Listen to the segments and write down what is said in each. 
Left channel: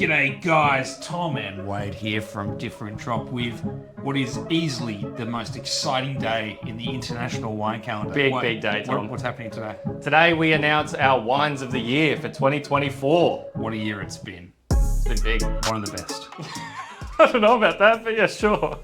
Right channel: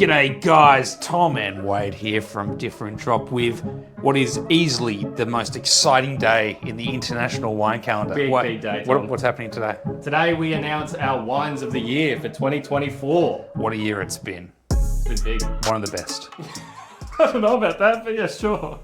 G'day guys, Tom and Wade here from Different Drop with what is easily the most exciting day in the international wine calendar. Big day, Tom. What's happening today? Today we announce our wines of the year for 2024. What a year it's been. It's been big. One of the best. I don't know about that, but yeah, sure.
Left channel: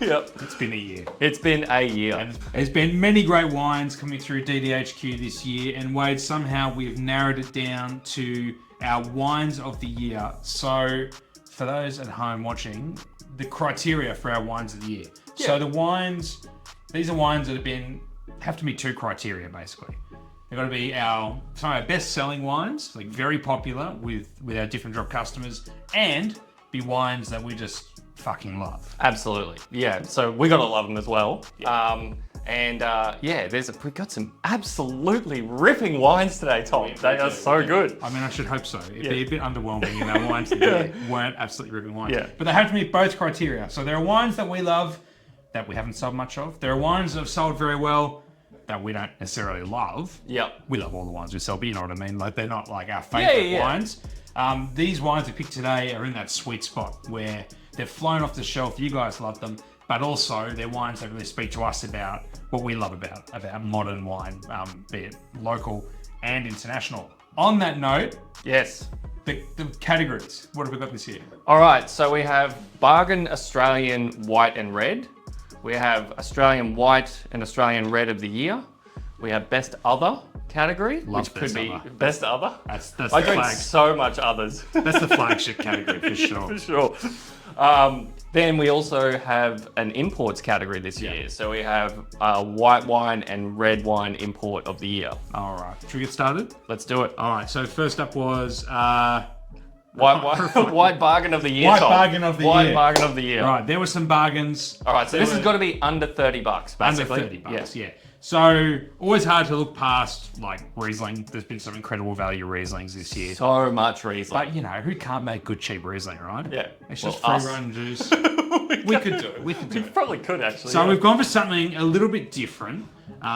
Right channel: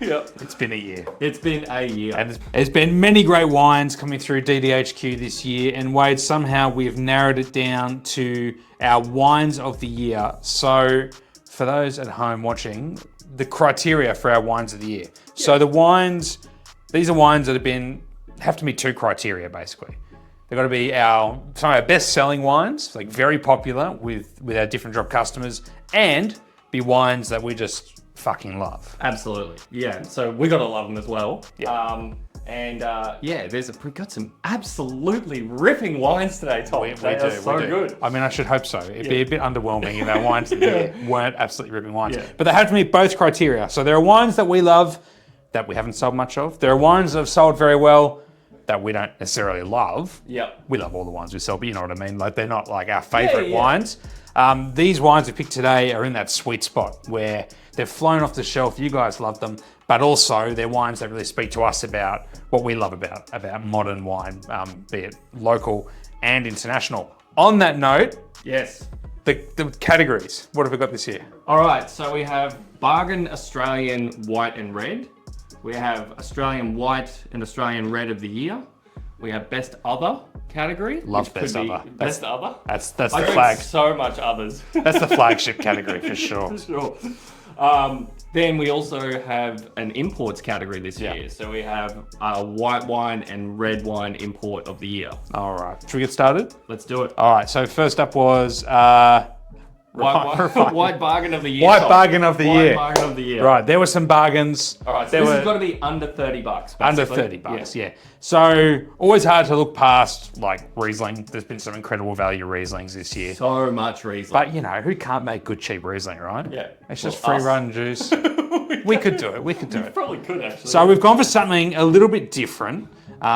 Yep. It's been a year. It's been a year. And there's been many great wines coming through DDHQ this year, and Wade, somehow we've narrowed it down to our wines of the year. So for those at home watching, the criteria for our wines of the year. Yeah. So the wines, these are wines that have to meet two criteria basically. They've got to be some of our best selling wines, like very popular with our Different Drop customers, and be wines that we just fucking love. Absolutely. Yeah, so we gotta love them as well. Yeah. We've got some absolutely ripping wines today, Tom. They are so good. I mean, I should hope so. It'd be a bit underwhelming if our wines weren't absolutely ripping wines. Yeah. But they have to meet both criteria. So there are wines that we love that we haven't sold much of. There are wines that have sold very well that we don't necessarily love. Yep. We love all the wines we sell, but you know what I mean? Like, they're not like our favorite Yeah. wines. These wines we picked today are in that sweet spot where they've flown off the shelf. You guys love them, but also they're wines that really speak to us about what we love about modern wine, be it local and international. On that note, Yes. the categories. What have we got this year? All right, so we have Bargain Australian White and Red. We have Australian White and Australian Red of the Year. We have Best Other category. Love which Best could be Other. Best Other. That's I the drink flag. so much others. That's the flagship category for sure. For sure. Then we also have an imports category this year. Yeah. So we have white wine and red wine import of the year. All right, should we get started? Let's do it. All right, so first up was White bargain of the year. White Tom. bargain of the White year. bargain of the year. Right, there were some bargains. All right, so this has got to be under $30, basically. Under $30, yeah. So always hard to look past like Riesling. There's been some incredible value Rieslings this year. So much Riesling. But you know, who can't make good cheap Riesling, right? Yeah. It's just Well, free us. run juice. We could do it. We could do it. Probably could actually. So we've gone for something a little bit different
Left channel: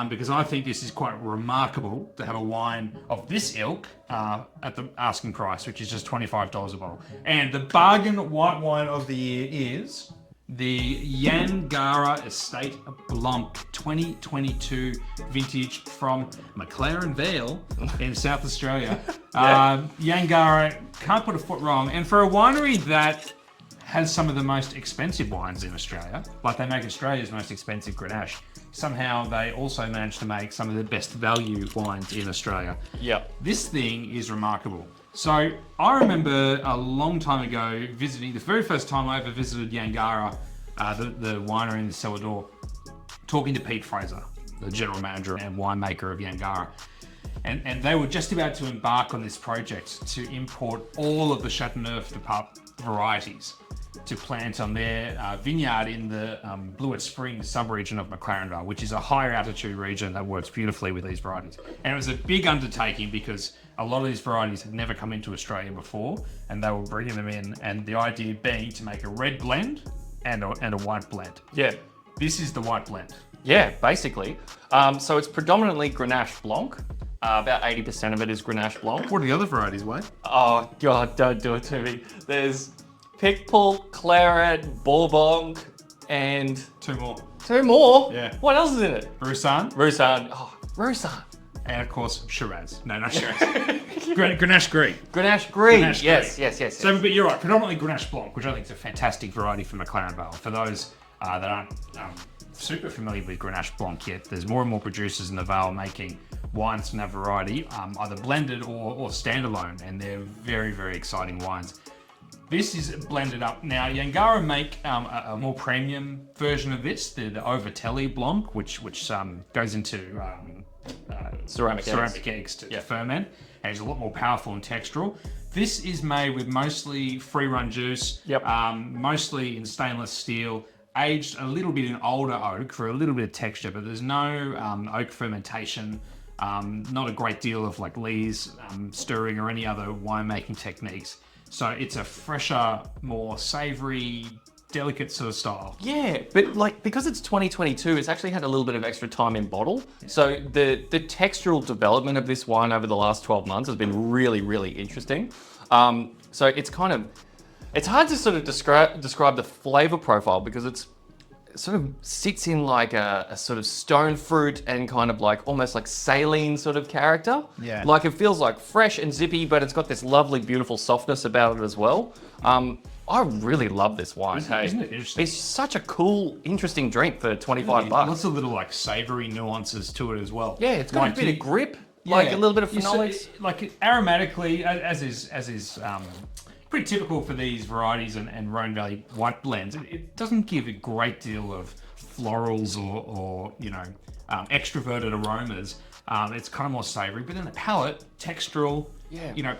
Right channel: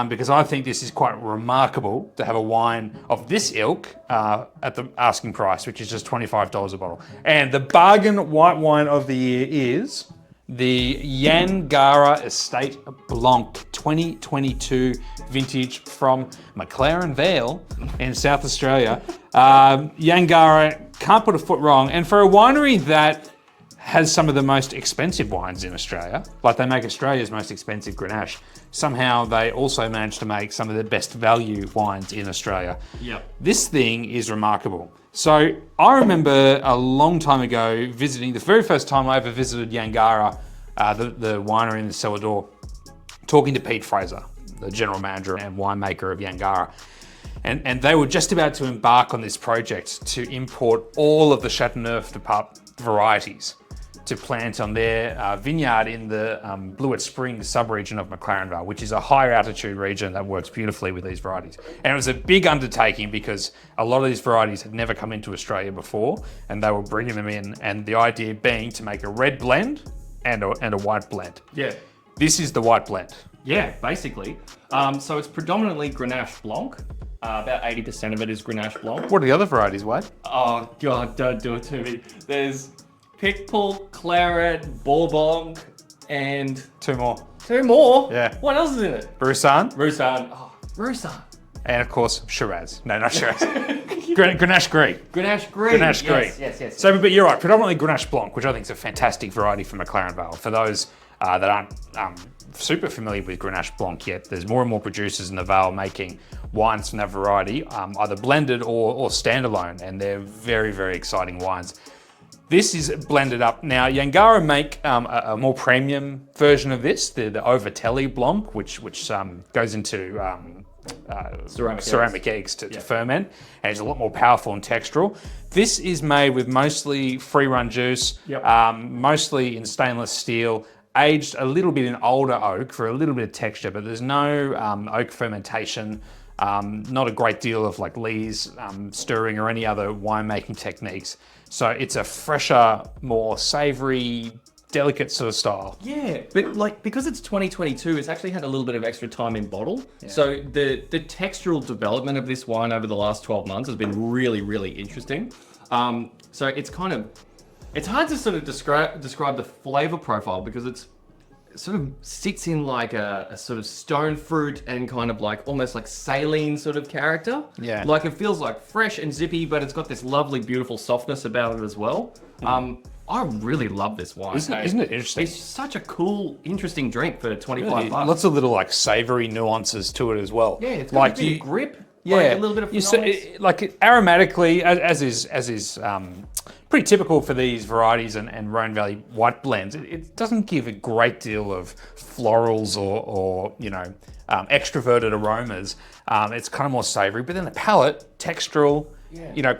because I think this is quite remarkable to have a wine of this ilk at the asking price, which is just $25 a bottle. And the bargain white wine of the year is the Yangarra Estate Blanc 2022 vintage from McLaren Vale in South Australia. Yangarra, can't put a foot wrong. And for a winery that has some of the most expensive wines in Australia, like they make Australia's most expensive Grenache, somehow they also managed to make some of the best value wines in Australia. Yep. This thing is remarkable. So I remember a long time ago visiting, the very first time I ever visited Yangarra, the winery in the cellar door, talking to Pete Fraser, the general manager and winemaker of Yangarra. And they were just about to embark on this project to import all of the Chateauneuf du Pape varieties to plant on their vineyard in the Blewett Springs sub-region of McLaren Vale, which is a higher altitude region that works beautifully with these varieties. And it was a big undertaking because a lot of these varieties had never come into Australia before, and they were bringing them in, and the idea being to make a red blend and a white blend. Yeah. This is the white blend. Yeah, basically. So it's predominantly Grenache Blanc. About 80% of it is Grenache Blanc. What are the other varieties, Wade? Oh, God, don't do it to me. There's Picpoul, Claret, Bourbon, and Two more. two more. Yeah. What else is in it? Roussanne, Roussanne. Oh, Roussanne. and of course Shiraz. No, not Shiraz. Grenache Gris. Grenache Green. Grenache yes, Gris. yes. So, but you're right, predominantly Grenache Blanc, which I think is a fantastic variety from McLaren Vale. For those that aren't super familiar with Grenache Blanc yet, there's more and more producers in the Vale making wines from that variety, either blended or standalone, and they're very, very exciting wines. This is blended up. Now, Yangarra make a more premium version of this, the Overtelly Blanc, which goes into ceramic eggs to ferment, and it's a lot more powerful and textural. This is made with mostly free run juice, mostly in stainless steel, aged a little bit in older oak for a little bit of texture, but there's no oak fermentation, not a great deal of like lees, stirring or any other winemaking techniques. So it's a fresher, more savory, delicate sort of style. Yeah, but like because it's 2022, it's actually had a little bit of extra time in bottle. Yeah. So the textural development of this wine over the last 12 months has been really, really interesting. So it's kind of It's hard to sort of describe the flavor profile because it sort of sits in like a sort of stone fruit and kind of like almost like saline sort of character. Yeah. Like it feels like fresh and zippy, but it's got this lovely, beautiful softness about it as well. I really love this wine. Isn't it interesting? It's such a cool, interesting drink for 25 bucks. Lots of little like savory nuances to it as well. Yeah, it's got like a bit of grip. Yeah, like a little bit of phenolics. Aromatically, as is pretty typical for these varieties and Rhone Valley white blends. It doesn't give a great deal of florals or extroverted aromas. It's kind of more savory, but then the palate, textural,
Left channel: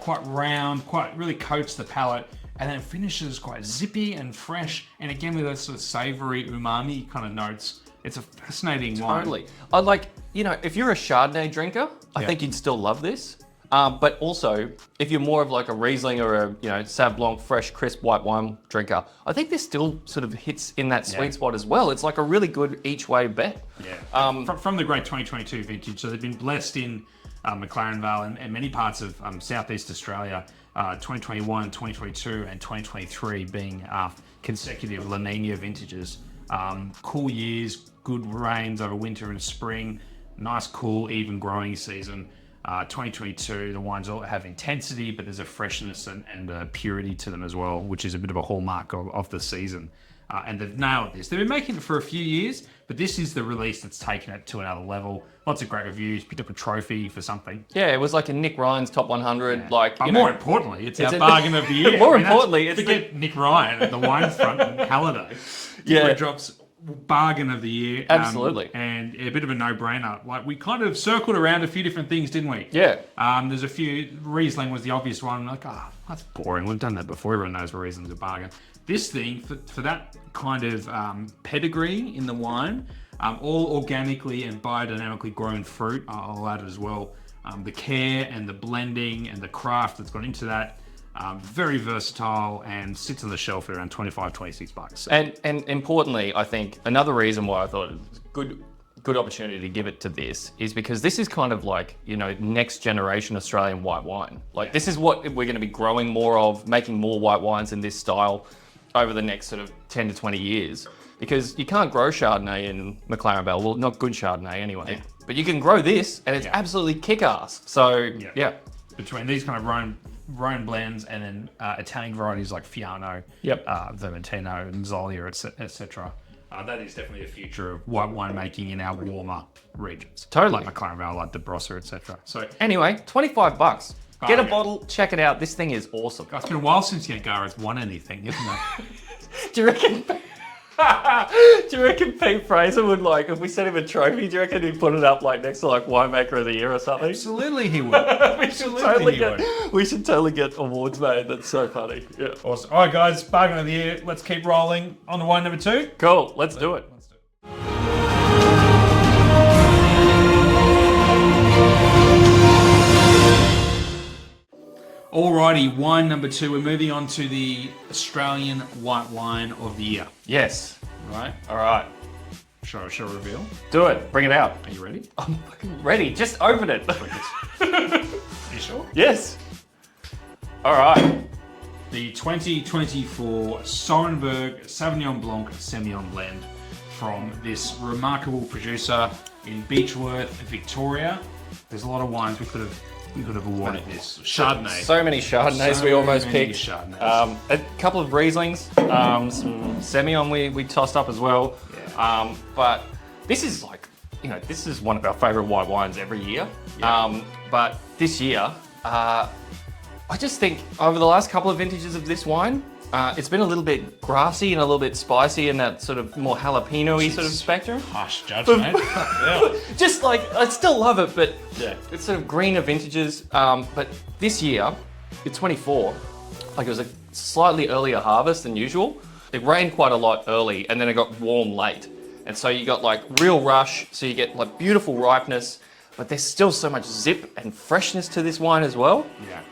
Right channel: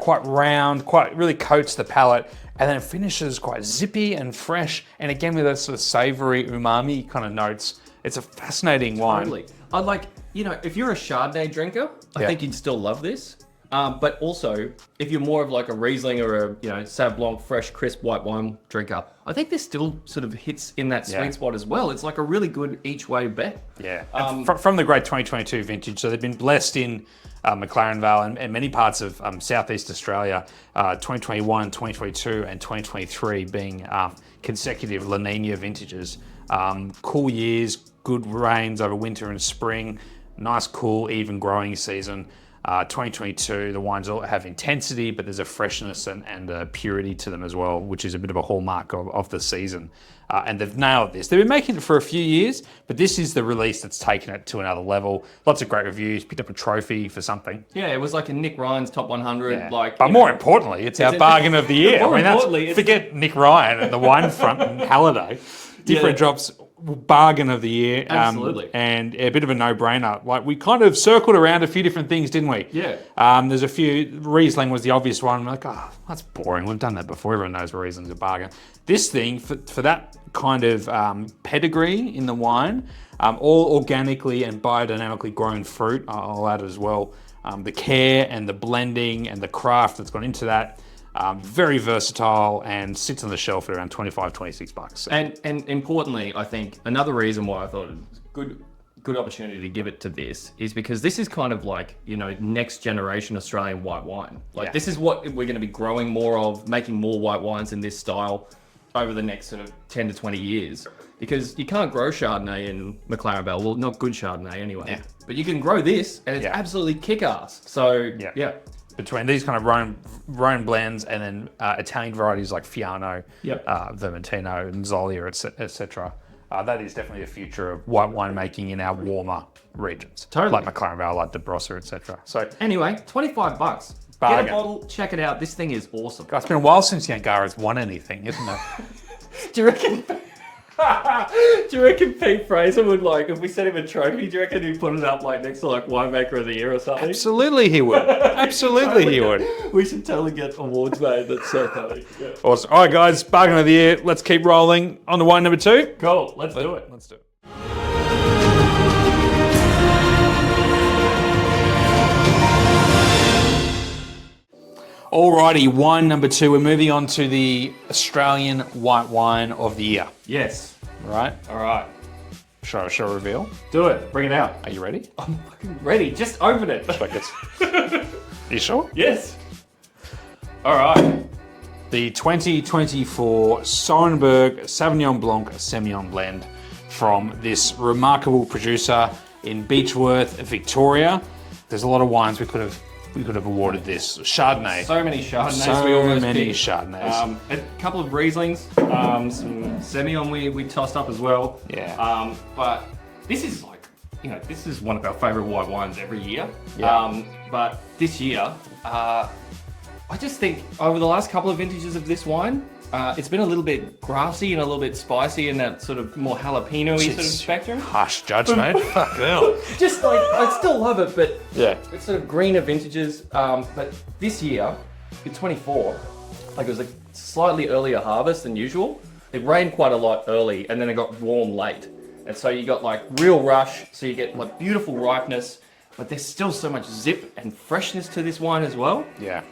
quite round, quite really coats the palate. And then it finishes quite zippy and fresh. And again, with those sort of savory umami kind of notes. It's a fascinating wine. Totally. I'd like, if you're a Chardonnay drinker, I think you'd still love this. But also, if you're more of like a Riesling or a, Sauv Blanc, fresh, crisp white wine drinker, I think this still sort of hits in that sweet spot as well. It's like a really good each way bet. Yeah. From the great 2022 vintage. So they've been blessed in McLaren Vale and many parts of Southeast Australia, 2021, 2022, and 2023 being consecutive La Nina vintages. Cool years, good rains over winter and spring, nice, cool, even growing season. 2022, the wines all have intensity, but there's a freshness and a purity to them as well, which is a bit of a hallmark of the season. And they've nailed this. They've been making it for a few years, but this is the release that's taken it to another level. Lots of great reviews, picked up a trophy for something. Yeah, it was like a Nick Ryan's top 100. Yeah. But more importantly, it's our bargain of the year. More importantly, forget Nick Ryan at the wine front in Halliday. Different drops. Bargain of the year. Absolutely. And a bit of a no-brainer. Like, we kind of circled around a few different things, didn't we? Yeah. There's a few. Riesling was the obvious one. I'm like, that's boring. We've done that before. Everyone knows Riesling's a bargain. This thing, for that kind of pedigree in the wine, all organically and biodynamically grown fruit, I'll add as well. The care and the blending and the craft that's gone into that. Very versatile and sits on the shelf at around 25, 26 bucks. And importantly, I think another reason why I thought it was good opportunity to give it to this is because this is kind of like, next generation Australian white wine. Like this is what we're going to be growing more of, making more white wines in this style over the next sort of 10 to 20 years. Because you can't grow Chardonnay in McLaren Vale. Well, not good Chardonnay anyway. Yeah. But you can grow this and it's absolutely kick-ass. So, yeah. Between these kind of Rhone blends and then Italian varieties like Fiano, Vermentino, and Zolia, etc. That is definitely the future of white wine making in our warmer regions. Totally. Like McLaren Vale, like De Brossa, etc. So anyway, 25 bucks. Bargain. Get a bottle, check it out. This thing is awesome. God, it's been a while since Yangarra's won anything, isn't it? Do you reckon Pete Fraser would if we sent him a trophy, do you reckon he'd put it up next to Winemaker of the Year or something? Absolutely he would. Absolutely he would. We should totally get awards made. That's so funny. Yeah. Awesome. All right, guys, bargain of the year. Let's keep rolling on to wine number 2. Cool. Let's do it. Alrighty, wine number 2. We're moving on to the Australian white wine of the year. Yes. Right? All right. Shall I reveal? Do it. Bring it out. Are you ready? I'm fucking ready. Just open it. Are you sure? Yes. All right. The 2024 Sorenberg Sauvignon Blanc Semillon blend from this remarkable producer in Beechworth, Victoria. There's a lot of wines we could have awarded this. Chardonnay. So many Chardonnays we almost picked. Chardonnays. A couple of Rieslings, some Semillon we tossed up as well. Yeah. But this is this is one of our favourite white wines every year. Yeah. But this year, I just think over the last couple of vintages of this wine, it's been a little bit grassy and a little bit spicy in that sort of more jalapeno-y sort of spectrum. Harsh judgment. Just I still love it, but it's sort of greener vintages. But this year, in 24, it was a slightly earlier harvest than usual. It rained quite a lot early, and then it got warm late. And so you got real rush, so you get beautiful ripeness, but there's still so much zip and freshness to this wine as well. Yeah.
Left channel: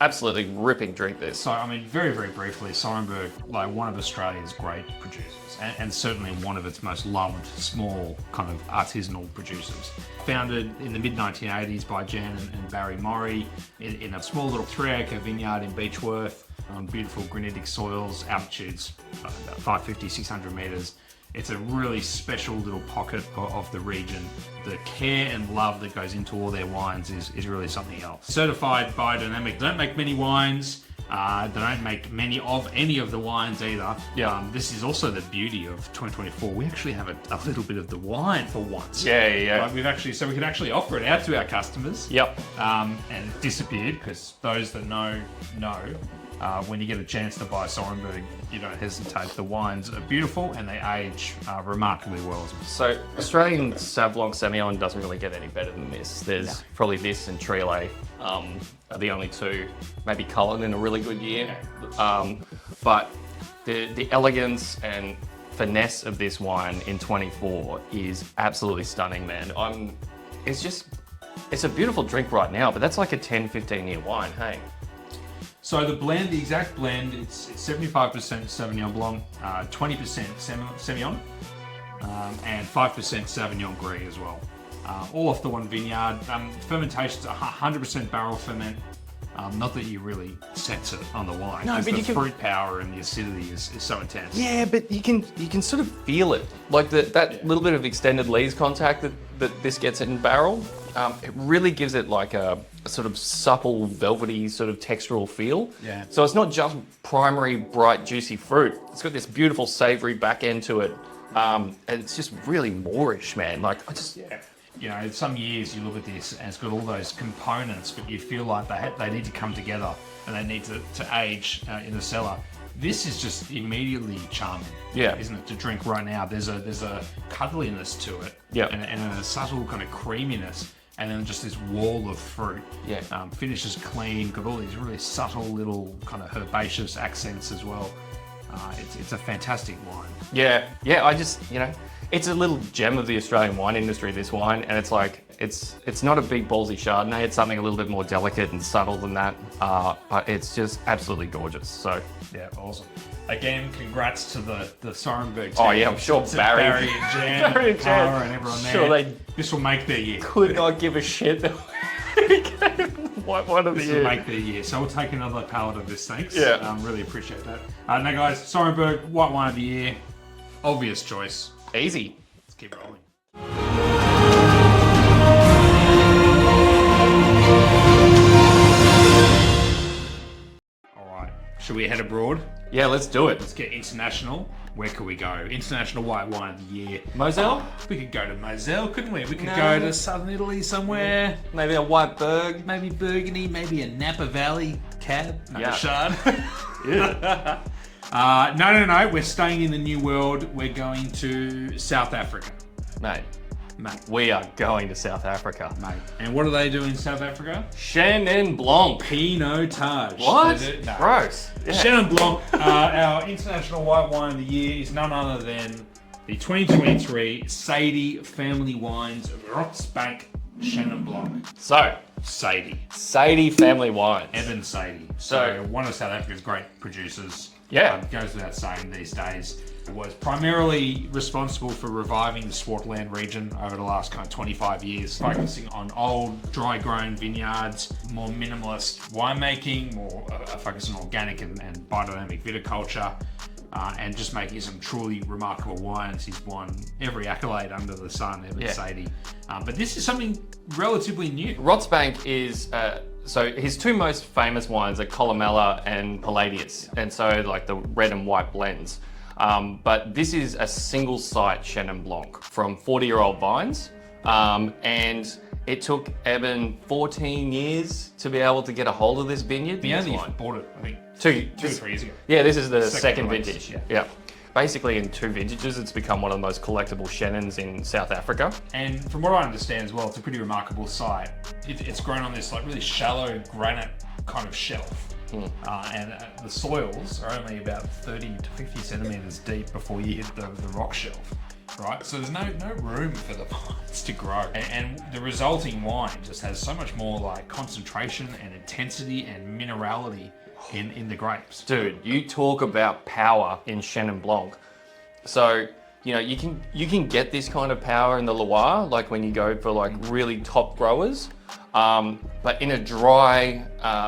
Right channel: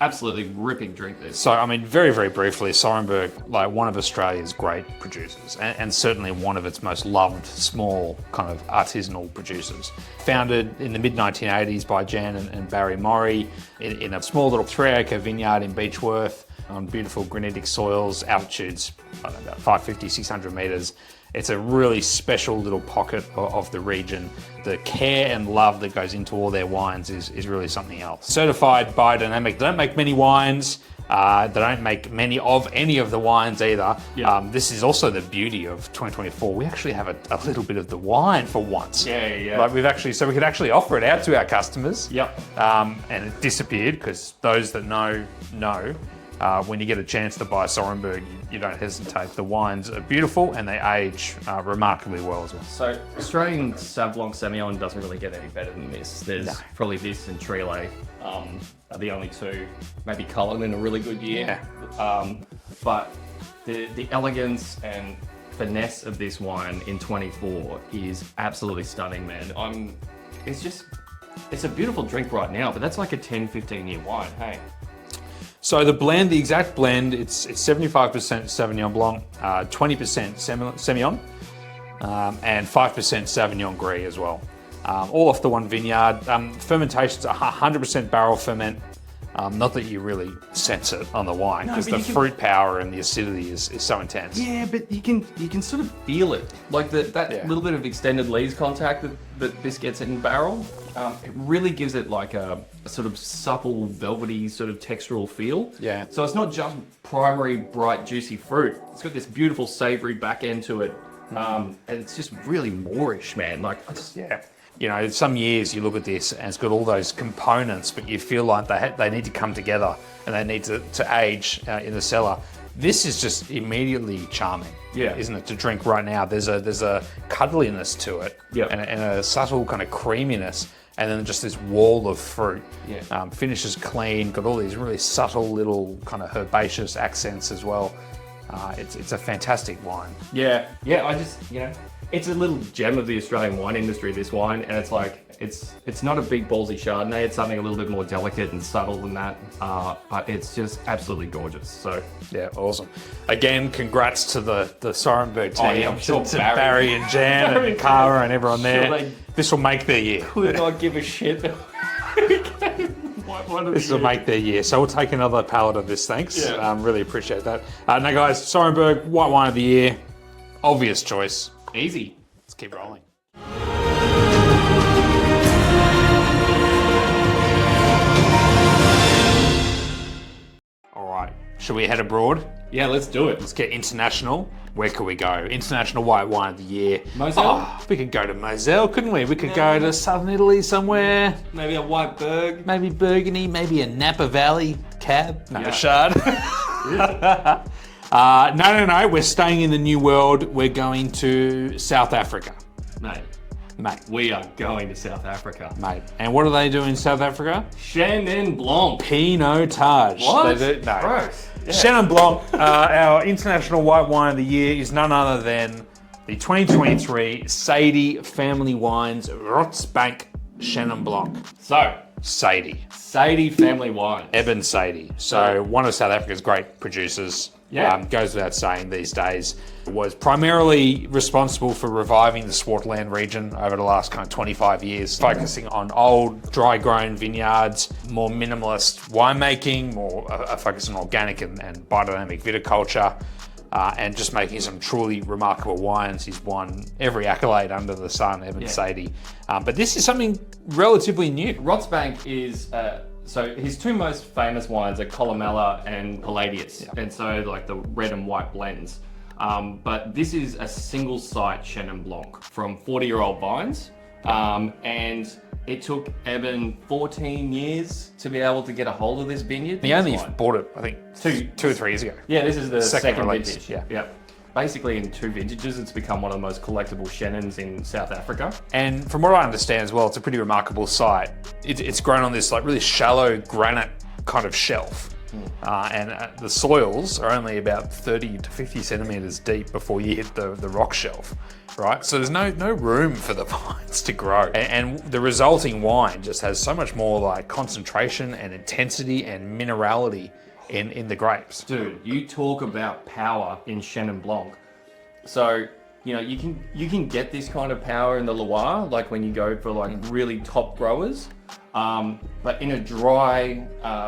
Absolutely ripping drink this. So, very, very briefly, Sorenberg, one of Australia's great producers, and certainly one of its most loved small kind of artisanal producers. Founded in the mid-1980s by Jan and Barry Morey in a small little 3-acre vineyard in Beechworth. on beautiful granitic soils, altitudes, I don't know, about 550, 600 meters. It's a really special little pocket of the region. The care and love that goes into all their wines is really something else. Certified biodynamic. They don't make many wines. They don't make many of any of the wines either. Yeah. This is also the beauty of 2024. We actually have a little bit of the wine for once. Yeah. Like so we could actually offer it out to our customers. Yep. And it disappeared because those that know. When you get a chance to buy Sorenberg, you don't hesitate. The wines are beautiful and they age remarkably well as well. So Australian Sauv Blanc Semillon doesn't really get any better than this. There's probably this and Cirillo are the only two. Maybe Coleraine in a really good year. But the elegance and finesse of this wine in 24 is absolutely stunning, man. It's a beautiful drink right now, but that's like a 10, 15 year wine, hey? So the exact blend, it's 75% Sauvignon Blanc, 20% Semillon, and 5% Sauvignon Gris as well. All off the one vineyard. Fermentation's 100% barrel ferment. Not that you really sense it on the wine, because the fruit power and the acidity is so intense. Yeah, but you can sort of feel it. Like that little bit of extended lees contact that this gets in barrel, it really gives it like a sort of supple, velvety sort of textural feel. Yeah. So it's not just primary, bright, juicy fruit. It's got this beautiful savory back end to it. And it's just really Moorish, man. Like, You know, some years you look at this and it's got all those components, but you feel like they need to come together and they need to age in the cellar. This is just immediately charming, isn't it? To drink right now. There's a cuddliness to it, and a subtle kind of creaminess, and then just this wall of fruit. Finishes clean, got all these really subtle little kind of herbaceous accents as well. It's a fantastic wine. Yeah. I just, it's a little gem of the Australian wine industry, this wine, and it's like, it's not a big ballsy Chardonnay, it's something a little bit more delicate and subtle than that, but it's just absolutely gorgeous, so. Yeah, awesome. Again, congrats to the Sorenberg team. Oh yeah, I'm sure to Barry and Jan and Cara and everyone there. This will make their year. Could not give a shit. This will make their year. So we'll take another pallet of this, thanks. Yeah. Really appreciate that. Now guys, Sorenberg, white wine of the year. Obvious choice. Easy. Let's keep rolling. All right, should we head abroad? Yeah, let's do it. Let's get international. Where could we go? International white wine of the year. Moselle? Oh, we could go to Moselle, couldn't we? We could go to southern Italy somewhere. Maybe a white Berg. Maybe Burgundy, maybe a Napa Valley cab. No, Chard. No. We're staying in the New World. We're going to South Africa. Mate. We are going to South Africa. Mate. And what do they do in South Africa? Chenin Blanc. Pinotage. What? They do, no. Gross. Yeah. Chenin Blanc, our international white wine of the year, is none other than the 2023 Sadie Family Wines Rotsbank Chenin Blanc. So, Sadie Family Wines. Eben Sadie. So, one of South Africa's great producers. Goes without saying these days. Was primarily responsible for reviving the Swartland region over the last kind of 25 years, focusing on old, dry-grown vineyards, more minimalist winemaking, more a focus on organic and biodynamic viticulture, and just making some truly remarkable wines. He's won every accolade under the sun, Eben Sadie. But this is something relatively new. Rotsbank is... So his two most famous wines are Columella and Palladius, and so like the red and white blends. But this is a single site Chenin Blanc from 40-year-old vines, and it took Eben 14 years to be able to get a hold of this vineyard. He only bought it, I think, two or 3 years ago. Yeah, this is the second release. vintage. Yeah. Basically, in 2 vintages, it's become one of the most collectible Chenins in South Africa. And from what I understand as well, it's a pretty remarkable site. It's grown on this like really shallow granite kind of shelf. And the soils are only about 30 to 50 centimeters deep before you hit the rock shelf, right? So there's no room for the vines to grow. And the resulting wine just has so much more like concentration and intensity and minerality in the grapes. Dude, you talk about power in Chenin Blanc. So you know, you can get this kind of power in the Loire, like when you go for like really top growers, but in a dry,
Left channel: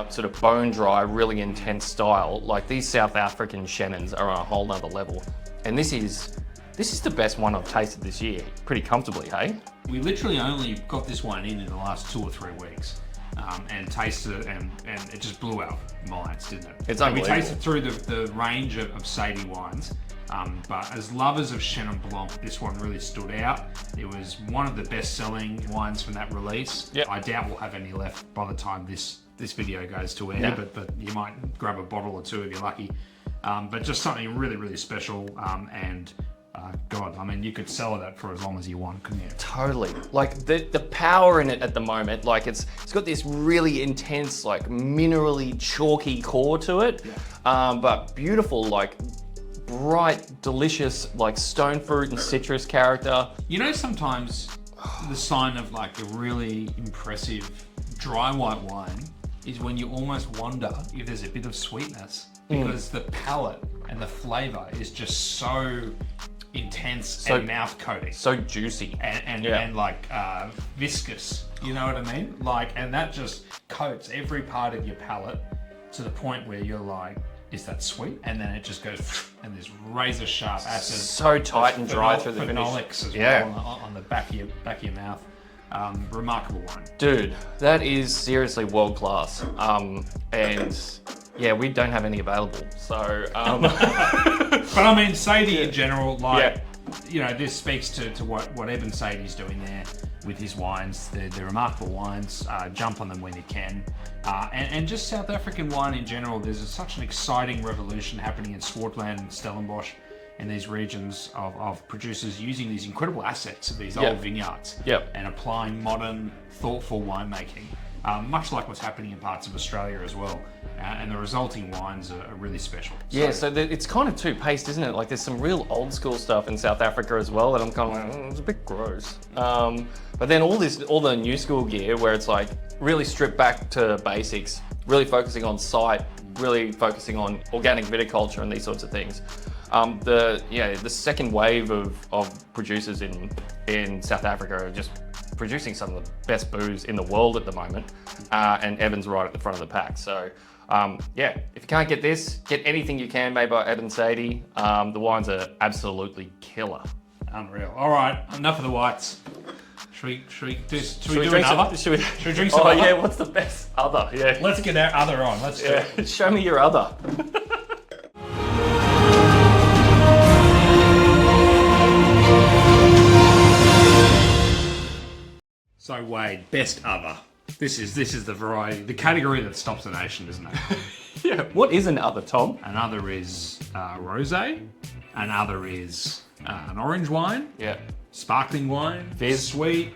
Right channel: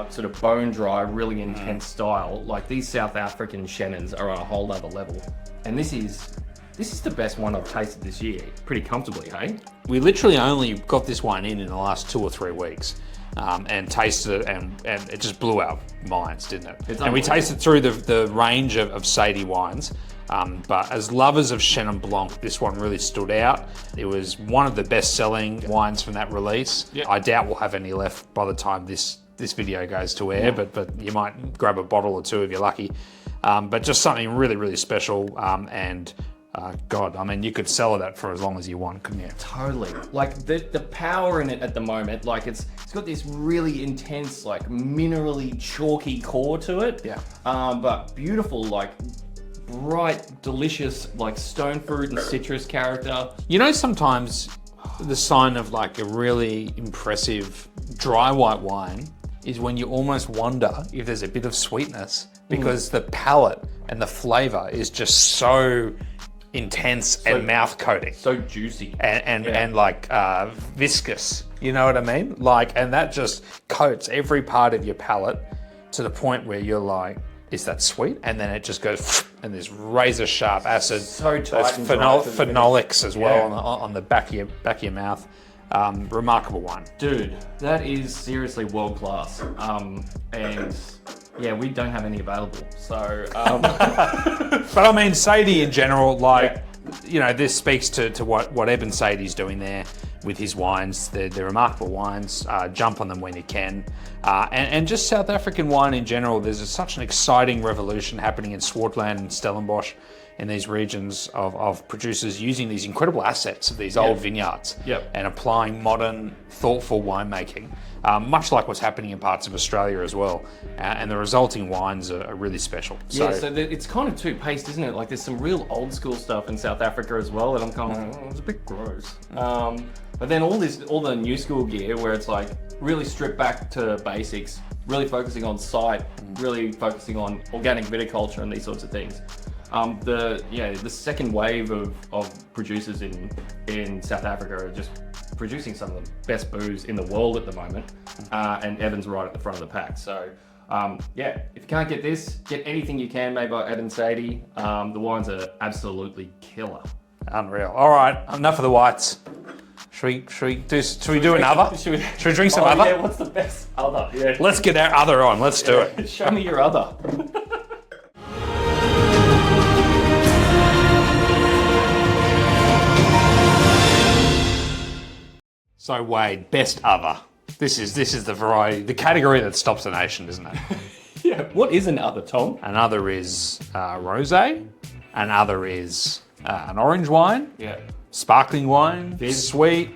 sort of bone dry, really intense style, like these South African Chennons are on a whole other level. And this is the best one I've tasted this year, pretty comfortably, hey? We literally only got this wine in the last 2 or 3 weeks. And tasted it, and it just blew our minds, didn't it? It's and we unbelievable. tasted through the range of Sadie wines, but as lovers of Chenin Blanc, this one really stood out. It was one of the best-selling wines from that release. Yeah. I doubt we'll have any left by the time this video goes to air, Yeah. but you might grab a bottle or two if you're lucky. But just something really, really special, and God, I mean, you could sell that for as long as you want, couldn't you? Totally. Like the power in it at the moment, like it's got this really intense, like minerally chalky core to it. Yeah. But beautiful, like bright, delicious, like stone fruit and citrus character. You know, sometimes the sign of like a really impressive dry white wine is when you almost wonder if there's a bit of sweetness, because the palate and the flavor is just so intense and mouth coating So juicy. and like viscous. You know what I mean? Like, and that just coats every part of your palate to the point where you're like, is that sweet? And then it just goes, and this razor sharp acid. So tight those and dry for the finish. phenolics as Yeah. well on the back of your mouth. Remarkable wine. Dude, that is seriously world class. And yeah, we don't have any available. So But I mean, Sadie in general, like, you know, this speaks to what Eben Sadie's doing there with his wines. They're remarkable wines. Jump on them when you can. And just South African wine in general, there's such an exciting revolution happening in Swartland and Stellenbosch, in these regions of producers using these incredible assets of these old vineyards and applying modern, thoughtful winemaking, much like what's happening in parts of Australia as well. And the resulting wines are really special. yeah, so it's kind of two-paced, isn't it? Like there's some real old school stuff in South Africa as well that I'm kind of like, it's a bit gross. But then all the new school gear where it's like really stripped back to basics, really focusing on site, really focusing on organic viticulture and these sorts of things. The second wave of producers in South Africa are just producing some of the best booze in the world at the moment, and Eben's right at the front of the pack. So if you can't get this, get anything you can made by Eben Sadie. The wines are absolutely killer. Unreal. All right, enough of the whites. Should we do another? Should we drink some other? Yeah, what's the best other? Yeah. Let's get our other on. Let's do it. Show me your other. So Wade, best other. This is the variety, the category that stops a nation, isn't it? Yeah. What is an other, Tom? Another is rosé. Another is an orange wine. Yeah. Sparkling wine. Fizz. Sweet.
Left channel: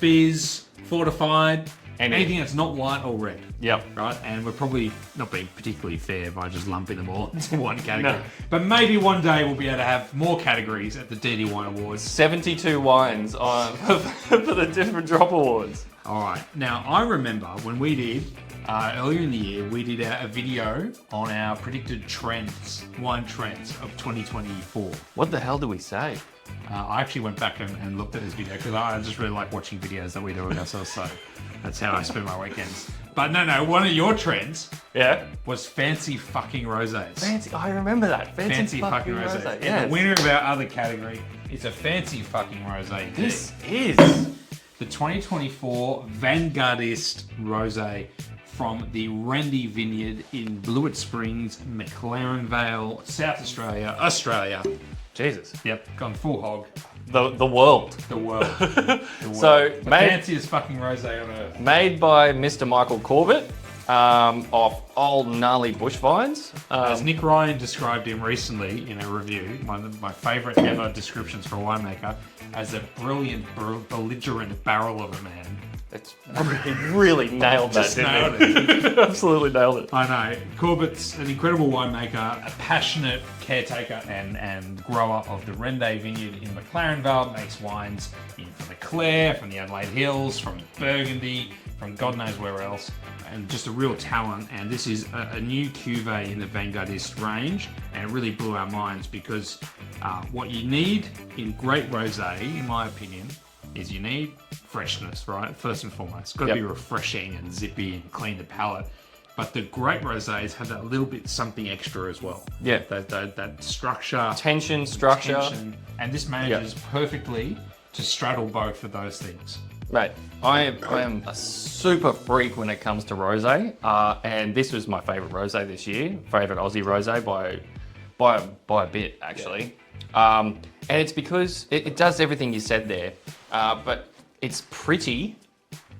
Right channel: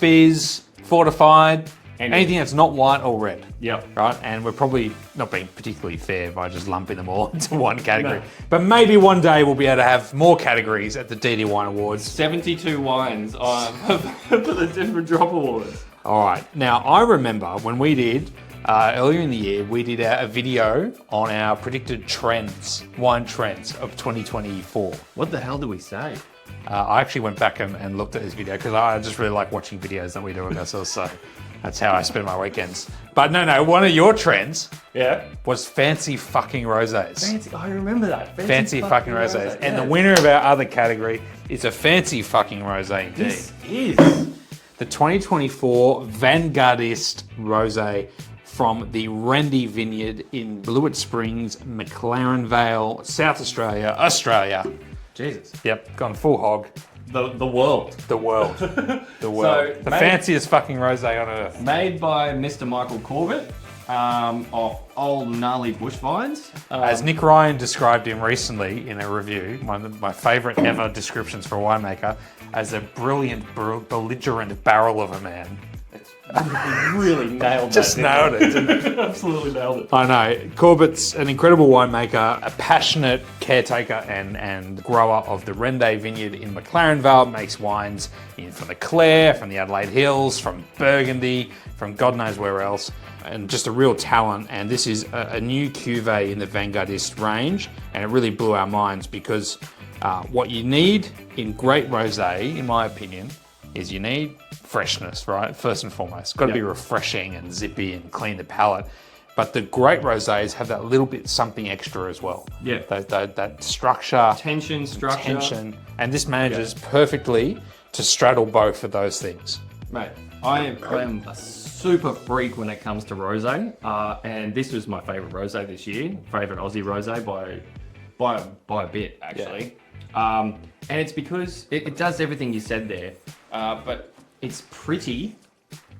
Fizz. Fortified. Anything that's not white or red. Yep. Right? And we're probably not being particularly fair by just lumping them all into one category. No. But maybe one day we'll be able to have more categories at the DD Wine Awards. 72 wines on for the different drop awards. All right. Now, I remember when we did, earlier in the year, we did a video on our predicted trends, wine trends of 2024. What the hell do we say? I actually went back and looked at this video because I just really like watching videos that we do of ourselves. So that's how I spend my weekends. But no, one of your trends was fancy fucking rosés. Fancy. I remember that. Fancy fucking rosés. And yes. the winner of our other category is a fancy fucking rosé indeed. This is The 2024 Vanguardist Rosé from the Rendy Vineyard in Blewett Springs, McLaren Vale, South Australia, Australia. Jesus. Yep, gone full hog. The world. The world. The world. So, the mate- fanciest fucking rosé on earth. Made by Mr. Michael Corbett of old gnarly bush vines. As Nick Ryan described him recently in a review, one of my favourite ever descriptions for a winemaker, as a brilliant, belligerent barrel of a man. He really nailed that. Just nailed it. Absolutely nailed it. I know. Corbett's an incredible winemaker, a passionate caretaker and grower of the Rende Vineyard in McLaren Vale, makes wines from the Clare, from the Adelaide Hills, from Burgundy, from God knows where else, and just a real talent. And this is a new cuvee in the Vanguardist range, and it really blew our minds because What you need in great rosé, in my opinion, is you need freshness, right? First and foremost, it's got to be refreshing and zippy and clean the palate. But the great rosés have that little bit something extra as well. Yeah. That structure. Tension. And this manages perfectly to straddle both of those things. Mate, I am a super freak when it comes to rosé, and this was my favourite rosé this year, favourite Aussie rosé by a bit actually. And it's because it does everything you said there, but it's pretty,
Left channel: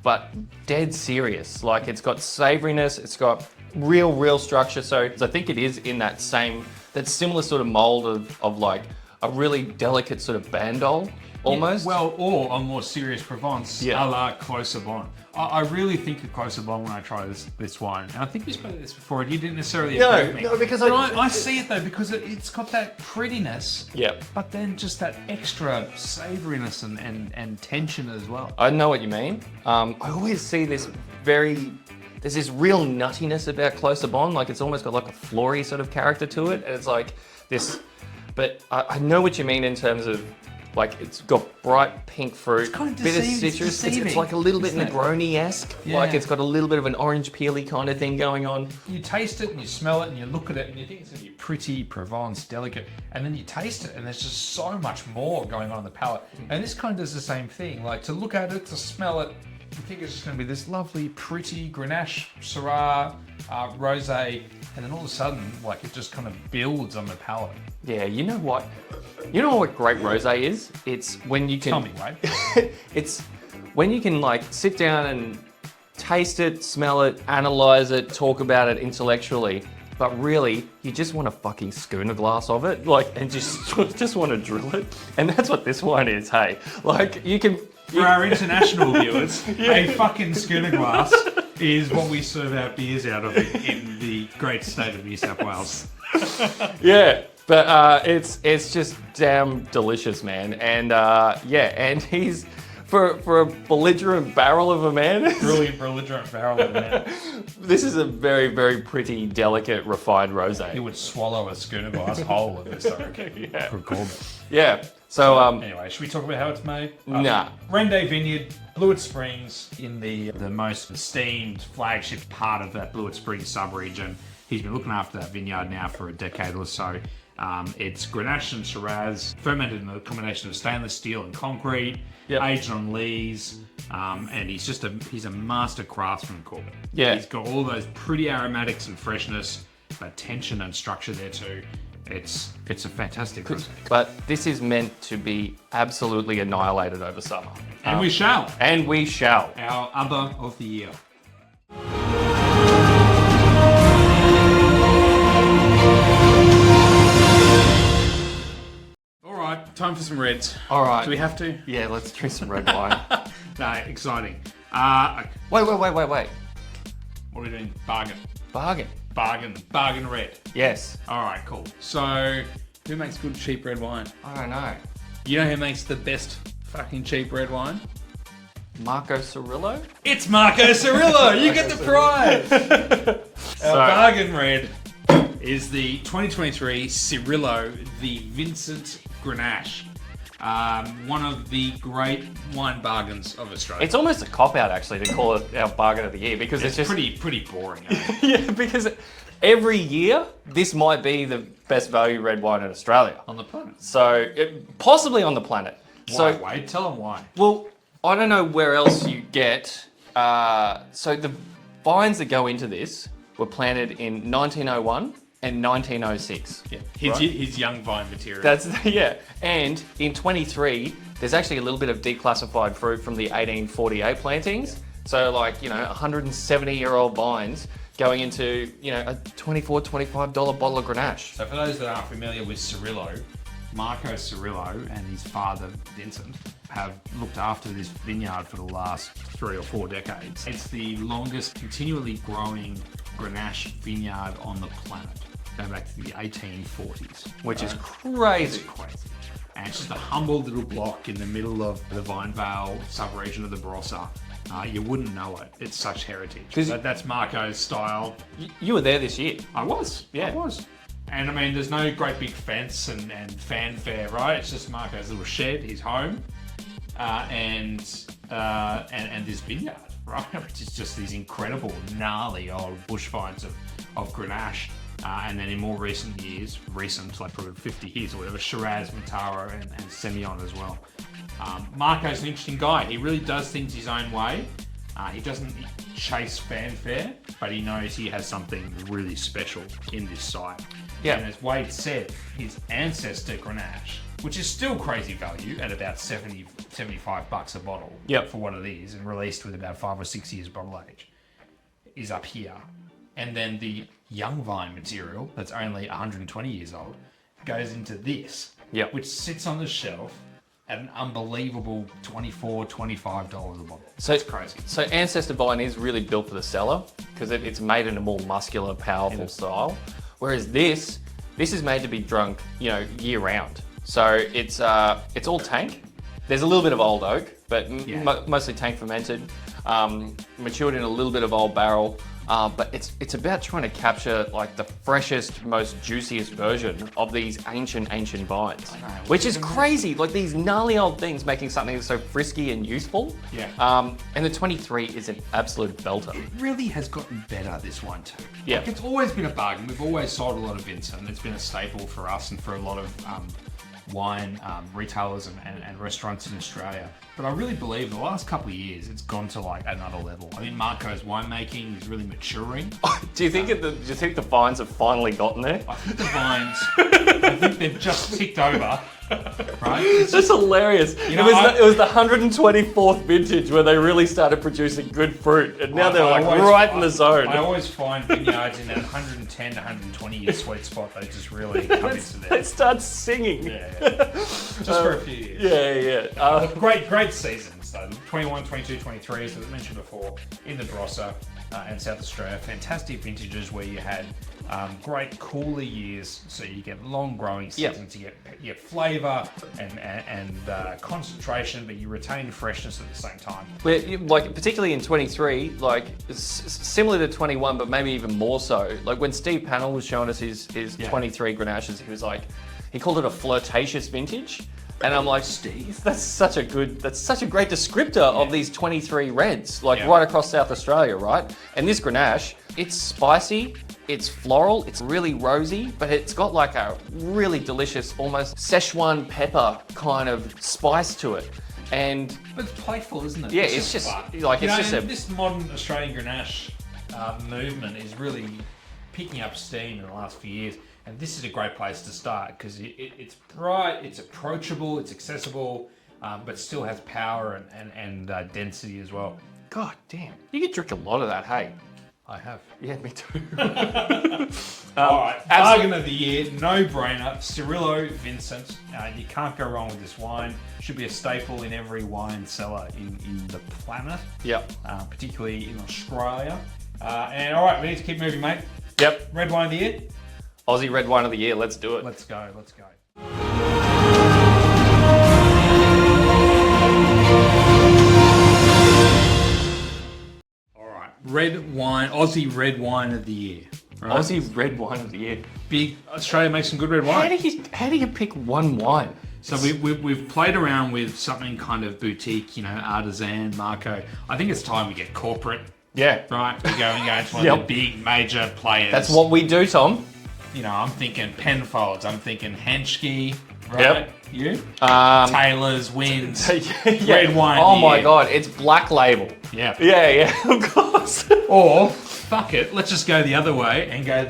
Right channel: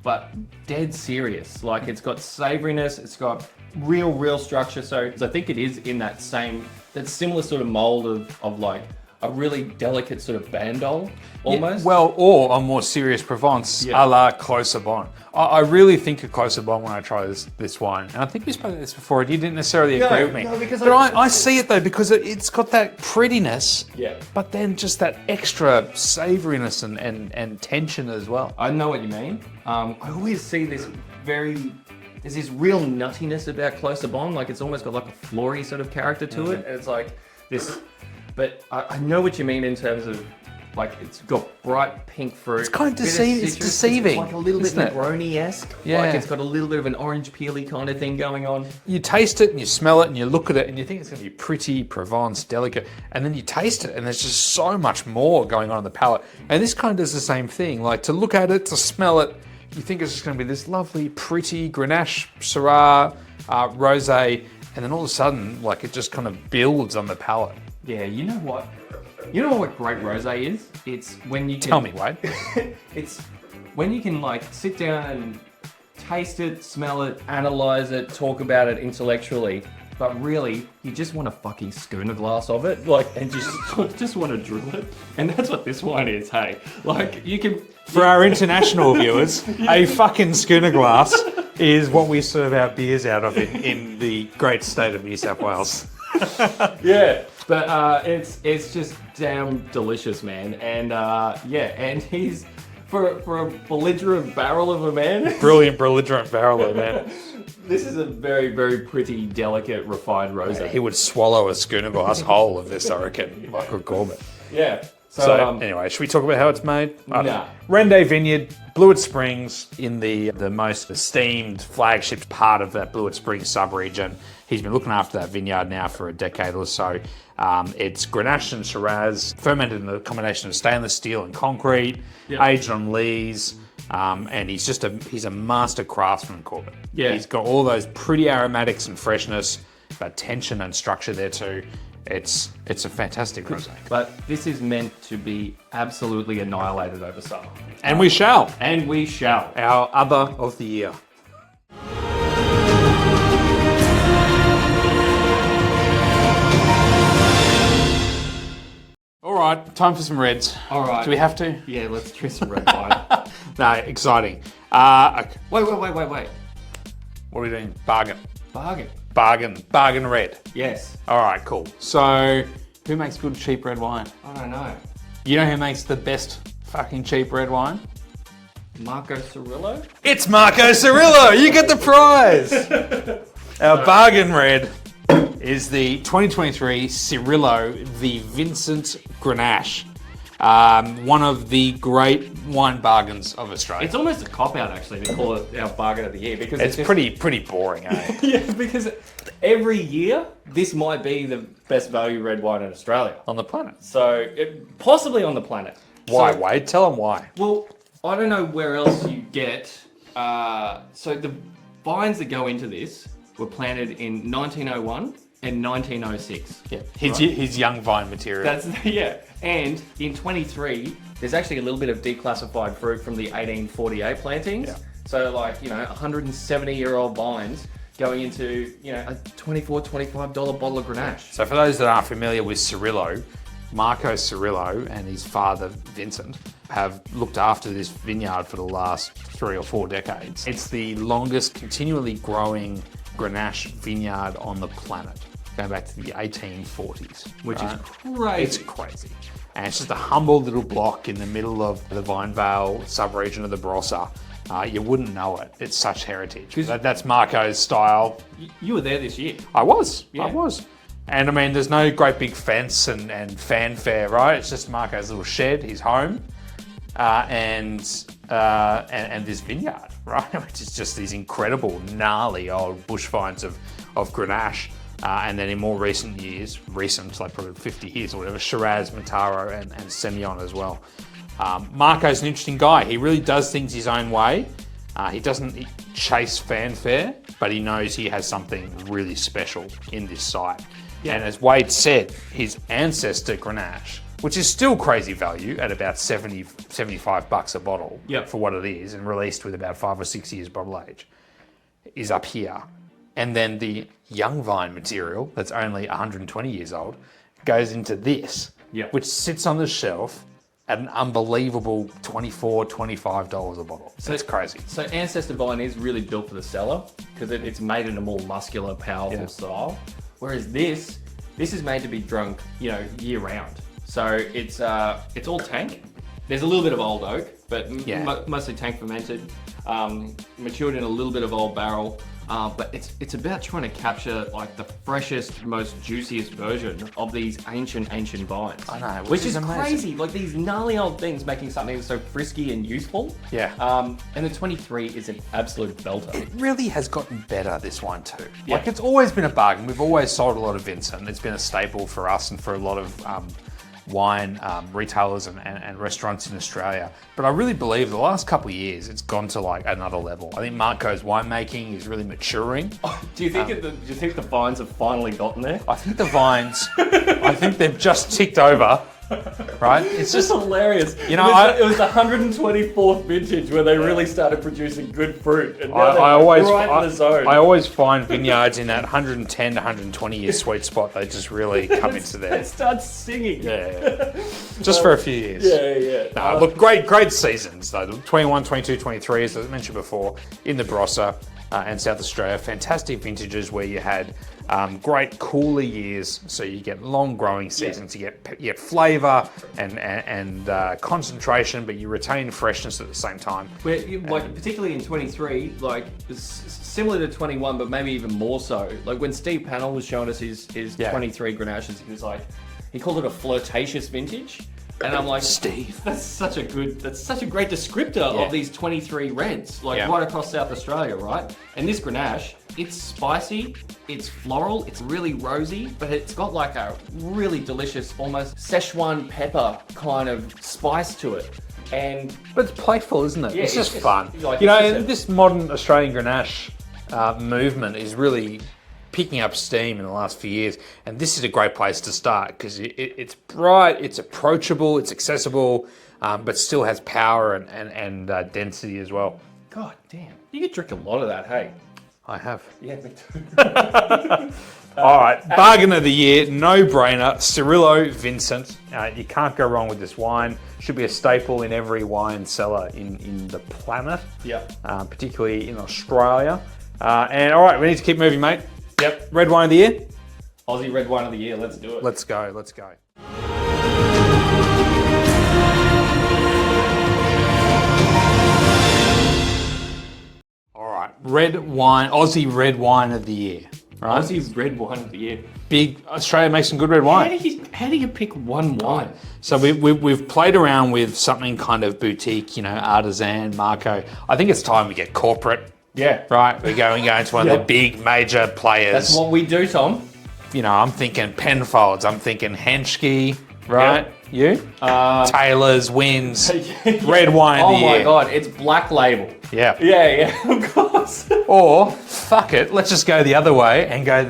but dead serious. Like it's got savouriness, it's got real structure. So I think it is in that similar sort of mold of like a really delicate sort of bandol almost. Yeah, well, or a more serious Provence, a la Closer Bon. I really think of Closer Bon when I try this wine. And I think we spoke about this before and you didn't necessarily agree with me. No, because I see it though, because it's got that prettiness, Yep. but then just that extra savouriness and tension as well. I know what you mean. I always see there's this real nuttiness about Closer Bon, like it's almost got like a flory sort of character to it. And it's like this, but I know what you mean in terms of like it's got bright pink fruit. It's kind of bit deceiving. Citrus. It's deceiving. It's like a little bit isn't it? Negroni-esque. Yeah. Like it's got a little bit of an orange peely kind of thing going on. You taste it and you smell it and you look at it and you think it's going to be pretty, Provence, delicate, and then you taste it and there's just so much more going on in the palate. And this kind of does the same thing. Like to look at it, to smell it, you think it's just going to be this lovely, pretty Grenache, Syrah, Rosé, and then all of a sudden, like it just kind of builds on the palate. Yeah, you know what? You know what great rosé is? It's when you can... Tell me, Wade. It's when you can like sit down and taste it, smell it, analyze it, talk about it intellectually, but really you just want a fucking schooner glass of it, like, and just want to drill it. And that's what this wine is, hey? Like you can... For our international viewers, a fucking schooner glass is what we serve our beers out of in the great state of New South Wales. Yeah, but it's just damn delicious, man. And and he's for a belligerent barrel of a man. Brilliant belligerent barrel of man. This is a very pretty, delicate, refined rosé. He would swallow a schooner glass whole of this, I reckon. Michael Corbett. Yeah. So anyway, should we talk about how it's made? Nah. Rende Vineyard, Blewett Springs, in the most esteemed flagship part of that Blewett Springs sub-region. He's been looking after that vineyard now for a decade or so. It's Grenache and Shiraz, fermented in a combination of stainless steel and concrete, aged on lees, and he's a master craftsman, Corbett. Yeah. He's got all those pretty aromatics and freshness, but tension and structure there too. It's a fantastic rosé. But this is meant to be absolutely annihilated over summer. And we shall. And we shall. Our other of the year. All right, time for some reds. All right. Do we have to? Yeah, let's drink some red wine. No, exciting. Okay. Wait. What are we doing? Bargain. Bargain. Bargain red. Yes. All right, cool. So, who makes good cheap red wine? I don't know. You know who makes the best fucking cheap red wine? Marco Cirillo? It's Marco Cirillo! You get the prize! Our bargain red is the 2023 Cirillo, the Vincent Grenache. One of the great wine bargains of Australia. It's almost a cop-out, actually, to call it our bargain of the year, because It's just pretty boring, eh? Yeah, because every year, this might be the best value red wine in Australia. On the planet. So, possibly on the planet. Why, So, Wade? Tell them why. well, I don't know where else you get. So the vines that go into this were planted in 1901 and 1906. Yeah, his young vine material. That's yeah. And in 23, there's actually a little bit of declassified fruit from the 1848 plantings. Yeah. So like 170-year-old vines going into a $24, $25 bottle of Grenache. So for those that aren't familiar with Cirillo, Marco Cirillo and his father Vincent have looked after this vineyard for the last 3 or 4 decades. It's the longest continually growing Grenache vineyard on the planet, going back to the 1840s, Which is crazy. It's crazy. And it's just a humble little block in the middle of the Vinevale sub-region of the Barossa. You wouldn't know it. It's such heritage. That's Marco's style. You were there this year. I was. Yeah. And I mean, there's no great big fence and fanfare, right? It's just Marco's little shed, his home, and this vineyard, right? Which is just these incredible, gnarly old bush vines of Grenache. And then in more recent years, like probably 50 years or whatever, Shiraz, Mataro, and Semillon as well. Marco's an interesting guy. He really does things his own way. He doesn't chase fanfare, but he knows he has something really special in this site. Yeah. And as Wade said, his ancestor Grenache, which is still crazy value at about $75 a bottle for what it is, and released with about 5 or 6 years bottle age, is up here. And then the young vine material, that's only 120 years old, goes into this, which sits on the shelf at an unbelievable $24, $25 a bottle. So it's crazy. So Ancestor Vine is really built for the cellar because it's made in a more muscular, powerful style. Whereas this is made to be drunk, year round. So it's all tank. There's a little bit of old oak, but mostly tank fermented, matured in a little bit of old barrel. But it's about trying to capture like the freshest, most juiciest version of these ancient vines. I know, which is crazy. Like these gnarly old things making something that's so frisky and useful. Yeah. And the 23 is an absolute belter. It really has gotten better, this wine too. Yeah. Like it's always been a bargain. We've always sold a lot of Vincent. It's been a staple for us and for a lot of wine retailers and restaurants in Australia. But I really believe the last couple of years it's gone to like another level. I think Marco's winemaking is really maturing. Do you think the vines have finally gotten there? I think the vines, I think they've just ticked over. Right? It's just hilarious. It was the 124th vintage where they really started producing good fruit. And now they're right in the zone. I always find vineyards in that 110 to 120 year sweet spot, they just really come into there. It starts singing. Yeah. Just for a few years. Yeah. Look, great seasons though. 21, 22, 23, as I mentioned before, in the Barossa and South Australia. Fantastic vintages where you had great cooler years, so you get long growing seasons, you get flavour and concentration, but you retain freshness at the same time. Like particularly in 23, like similar to 21, but maybe even more so. Like when Steve Pannell was showing us his 23 Grenaches, he called it a flirtatious vintage. And I'm like, Steve, that's such a great descriptor of these 23 reds, right across South Australia, right? And this Grenache, it's spicy, it's floral, it's really rosy, but it's got like a really delicious, almost Szechuan pepper kind of spice to it. But it's playful, isn't it? Yeah, it's just fun. This modern Australian Grenache movement is really picking up steam in the last few years, and this is a great place to start because it's bright, it's approachable, it's accessible, but still has power and density as well. God damn, you could drink a lot of that, hey? I have. Yeah, me too. All right, bargain of the year, no brainer, Cirillo Vincent. You can't go wrong with this wine. Should be a staple in every wine cellar in the planet. Yep. Particularly in Australia. And all right, we need to keep moving, mate. Yep, red wine of the year. Aussie red wine of the year, let's do it. Let's go. All right, red wine, Aussie red wine of the year. Right? Aussie red wine of the year. Big Australia makes some good red wine. How do you pick one wine? So we've played around with something kind of boutique, artisan, Marco. I think it's time we get corporate. Yeah. Right, we're going into one of the big major players. That's what we do, Tom. I'm thinking Penfolds, I'm thinking Henschke, right? Yep. You? Taylor's, Wynns, red wine of the year. Oh my God, it's Black Label. Yeah. Yeah, of course. Or, fuck it, let's just go the other way and go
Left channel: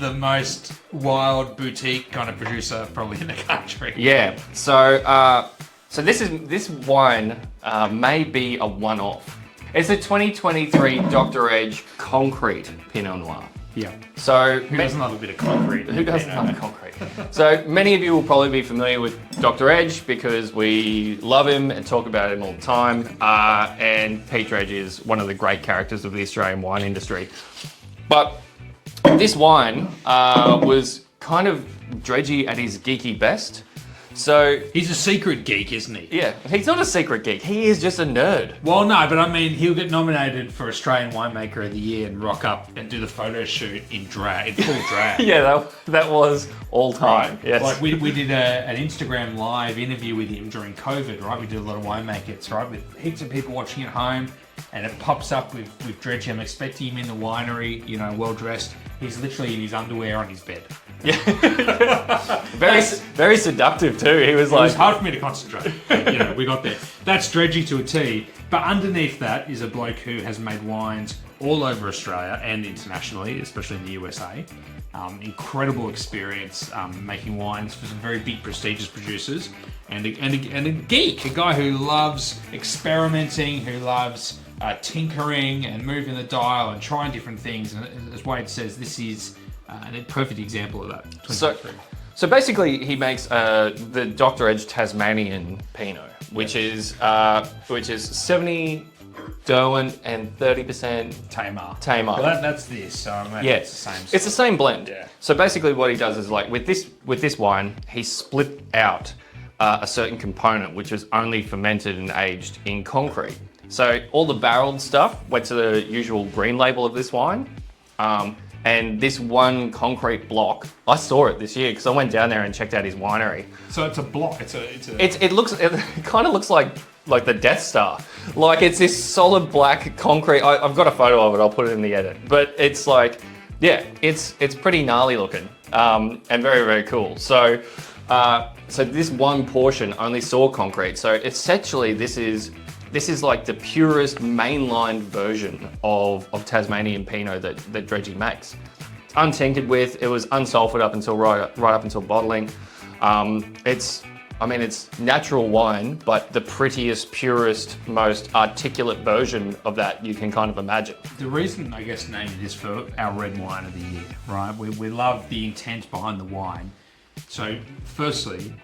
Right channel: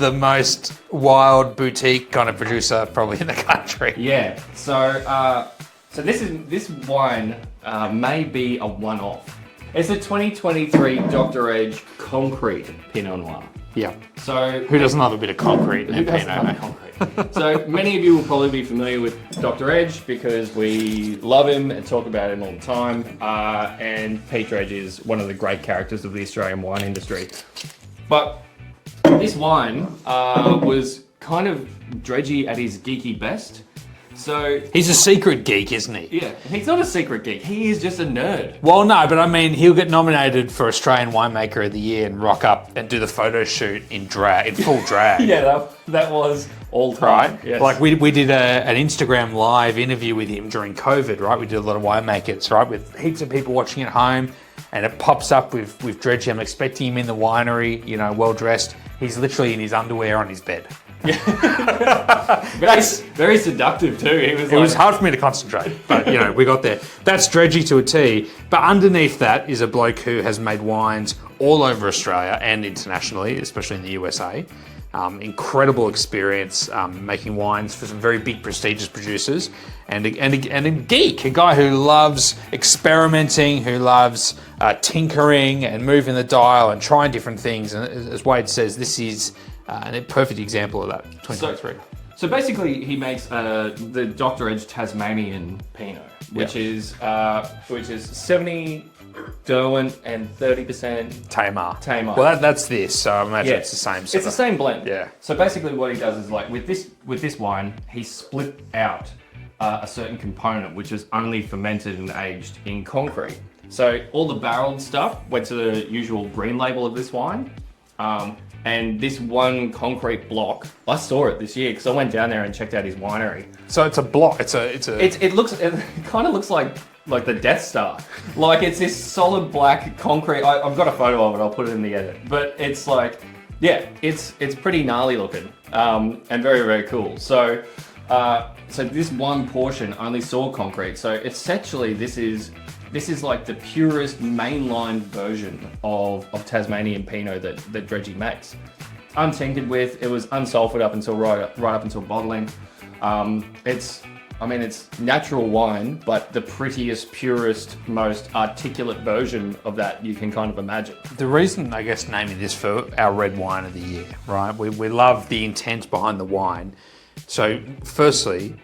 the most wild boutique kind of producer probably in the country. Yeah, so this wine may be a one-off. It's a 2023 Dr. Edge Concrete Pinot Noir. Yeah. So who doesn't love a bit of concrete? Who doesn't love concrete? So many of you will probably be familiar with Dr. Edge because we love him and talk about him all the time. And Peter Edge is one of the great characters of the Australian wine industry. But this wine was kind of dredgy at his geeky best. So He's a secret geek, isn't he? yeah, he's not a secret geek. He is just a nerd. Well, no, but I mean, he'll get nominated for Australian Winemaker of the Year and rock up and do the photo shoot in full drag. Yeah, that was all time. Right? Yes. Like we did an Instagram live interview with him during COVID, right? We did a lot of winemakers, right? With heaps of people watching at home, and it pops up with Dredgy. I'm expecting him in the winery, you know, well dressed. He's literally in his underwear on his bed. very seductive too. He was It was hard for me to concentrate, but you know, we got there. That's Dredgy to a T. But underneath that is a bloke who has made wines all over Australia and internationally, especially in the USA. Incredible experience making wines for some very big, prestigious producers, and a geek, a guy who loves experimenting, who loves tinkering and moving the dial and trying different things. And as Wade says, this is a perfect example of that. 2023. So basically, he makes the Dr. Edge Tasmanian Pinot, which is 70 Derwent and 30% Tamar. Tamar. Well, that's this. So I imagine it's the same. It's the same blend. Yeah. So basically, what he does is like with this wine, he split out a certain component which is only fermented and aged in concrete. So all the barreled stuff went to the usual green label of this wine. And this one concrete block, I saw it this year because I went down there and checked out his winery. So it's a block. It kind of looks like the Death Star. Like it's this solid black concrete. I've got a photo of it. I'll put it in the edit. But it's like, yeah, it's pretty gnarly looking and very, very cool. So this one portion only saw concrete. So essentially, this is like the purest mainline version of Tasmanian Pinot that Dredgy makes. Untinted with, it was unsulfured up until right up until bottling. It's natural wine, but the prettiest, purest, most articulate version of that you can kind of imagine. The reason, I guess, naming this for our red wine of the year, right? We love the intent behind the wine. So, firstly,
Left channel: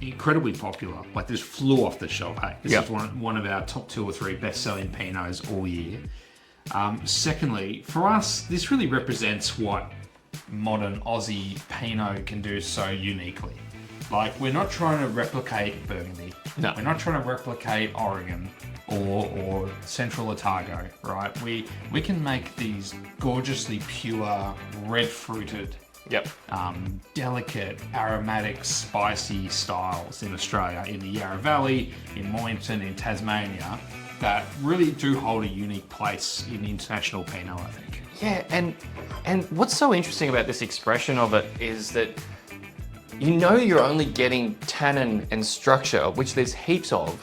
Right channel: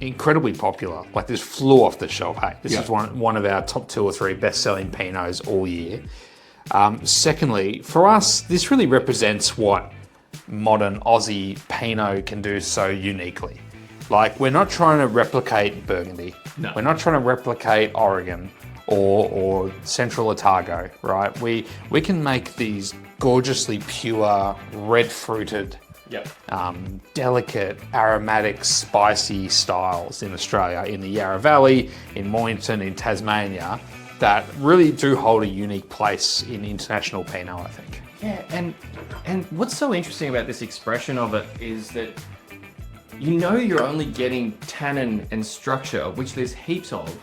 incredibly popular. Like this flew off the shelf. Hey, this is one of our top 2 or 3 best-selling Pinots all year. Secondly, for us, this really represents what modern Aussie Pinot can do so uniquely. Like, we're not trying to replicate Burgundy. No. We're not trying to replicate Oregon or Central Otago, right? We can make these gorgeously pure, red-fruited, delicate, aromatic, spicy styles in Australia, in the Yarra Valley, in Mornington, in Tasmania, that really do hold a unique place in international Pinot, I think. Yeah, and what's so interesting about this expression of it is that you know you're only getting tannin and structure, which there's heaps of,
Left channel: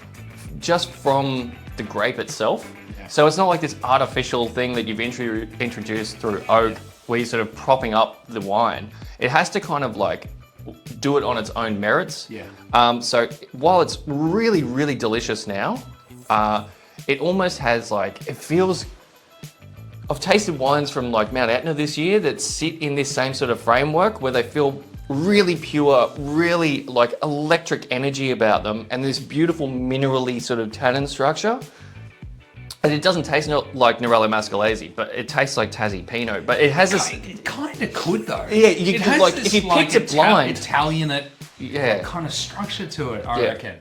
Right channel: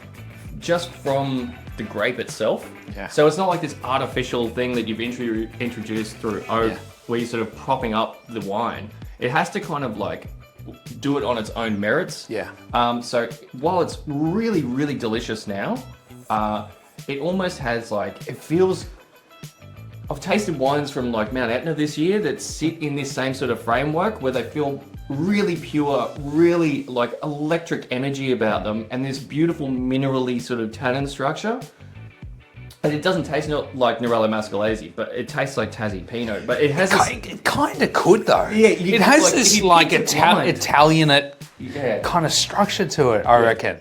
just from the grape itself. Yeah. So it's not like this artificial thing that you've introduced through oak, where you're sort of propping up the wine. It has to kind of like do it on its own merits. Yeah. So while it's really, really delicious now, it almost has like, it feels, I've tasted wines from like Mount Etna this year that sit in this same sort of framework where they feel really pure, really like electric energy about them, and this beautiful minerally sort of tannin structure. And it doesn't taste like Nerello Mascalese, but it tastes like Tassie Pinot. But it has this... It kind of could though. Yeah, it has like, this like Italianate Yeah. kind of structure to it, I reckon.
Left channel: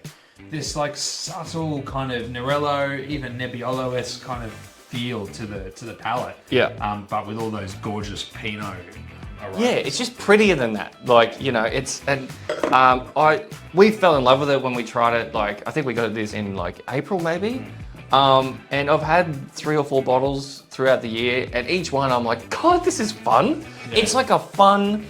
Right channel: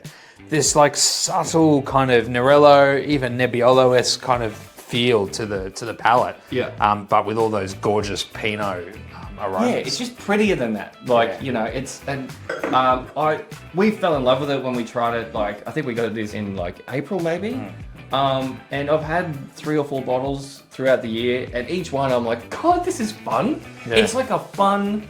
This like subtle kind of Nerello, even Nebbiolo-esque kind of feel to the palate. Yeah. But with all those gorgeous Pinot aromas. Yeah, it's just prettier than that. Like, you know, it's, and we fell in love with it when we tried it. Like, I think we got this in like April maybe. And I've had 3 or 4 bottles throughout the year, and each one I'm like, God, this is fun. Yeah. It's like a fun,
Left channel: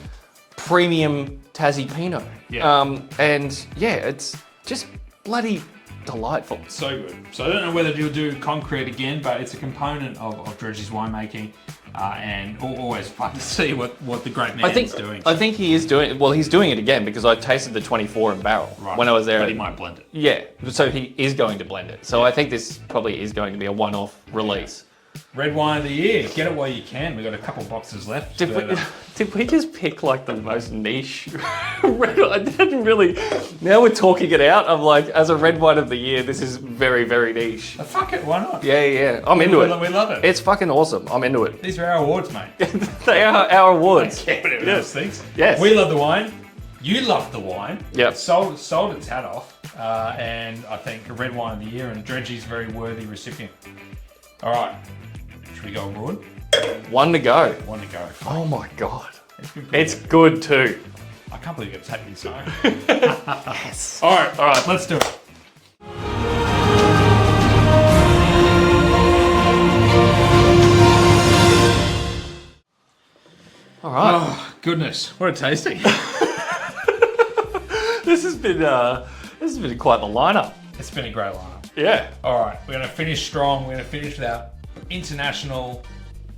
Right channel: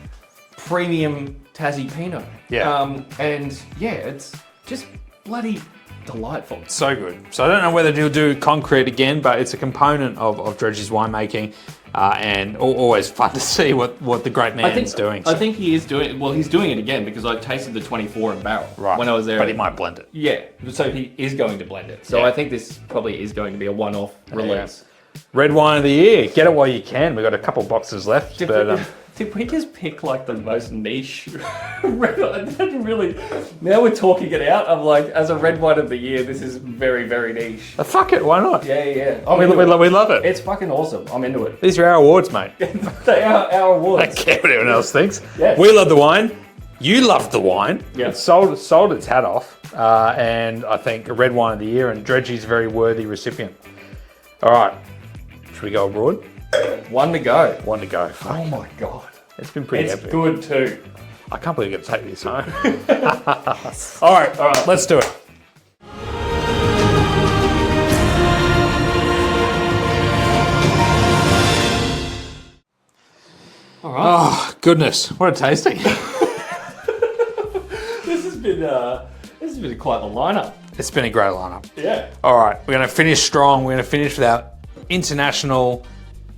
premium Tassie Pinot. Yeah. And yeah, it's just bloody delightful. So good. So I don't know whether he'll do concrete again, but it's a component of Dredgy's winemaking, and always fun to see what the great man's doing. I think he is doing, well, he's doing it again because I tasted the 24 in barrel when I was there. But he might blend it. Yeah, so he is going to blend it. So I think this probably is going to be a one-off release. Yeah. Red wine of the year. Get it while you can. We've got a couple boxes left. Did we just pick like the most niche record? I didn't really. Now we're talking it out. I'm like, as a red wine of the year, this is very, very niche. Fuck it, why not? Yeah. We love it. It's fucking awesome. I'm into it. These are our awards, mate. They are our awards. I don't care what anyone else thinks. Yes. We love the wine. You loved the wine. Yeah. It sold its hat off. And I think a red wine of the year, and Dredgy's a very worthy recipient. All right. Should we go abroad? One to go. One to go. Oh my God. It's been pretty It's epic. good too. I can't believe you're going to take this home. Yes. All right. Let's do it. All right. Oh, goodness. What a tasting. This has been quite the lineup. It's been a great lineup. Yeah. All right. We're going to finish strong. We're going to finish with our international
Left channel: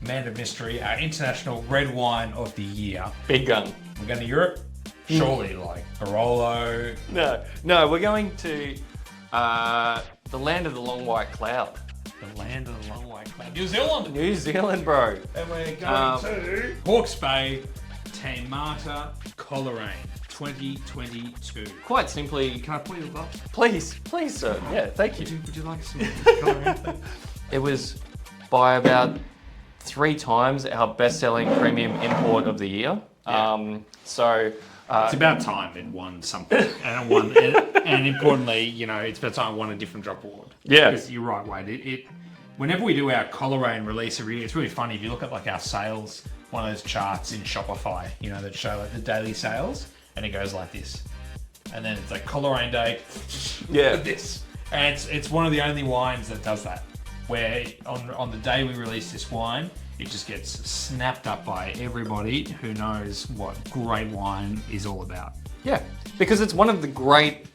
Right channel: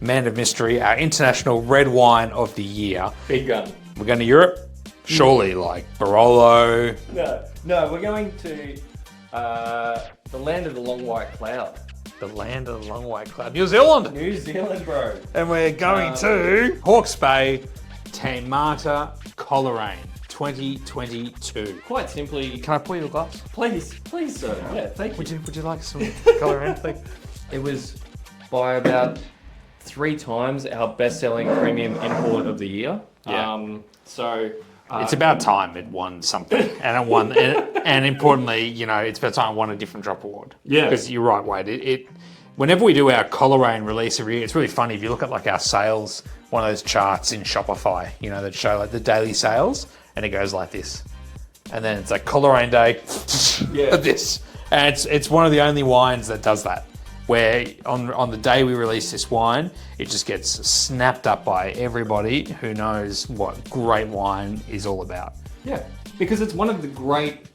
man of mystery, our international red wine of the year. Big gun. We're going to Europe. Surely, like Barolo. No, we're going to the land of the long white cloud. The land of the long white cloud. New Zealand. New Zealand, bro. And we're going to Hawke's Bay, Taimata, Coleraine, 2022. Quite simply, Can I pour you a glass? please, sir. Yeah, thank you. Would you like some Coleraine, please? It was by about 3 times our best-selling premium import of the year. Yeah. It's It's about time it won something, and it won. And importantly, you know, it's about time it won a different drop award. Yeah. Because you're right, Wade. Whenever we do our Coleraine release every year, it's really funny if you look at like our sales, one of those charts in Shopify, you know, that show like the daily sales, and it goes like this, and then it's like Coleraine Day, Yeah. this, and it's one of the only wines that does that. Where on the day we release this wine, it just gets snapped up by everybody who knows what great wine is all about. Yeah, because it's one of the great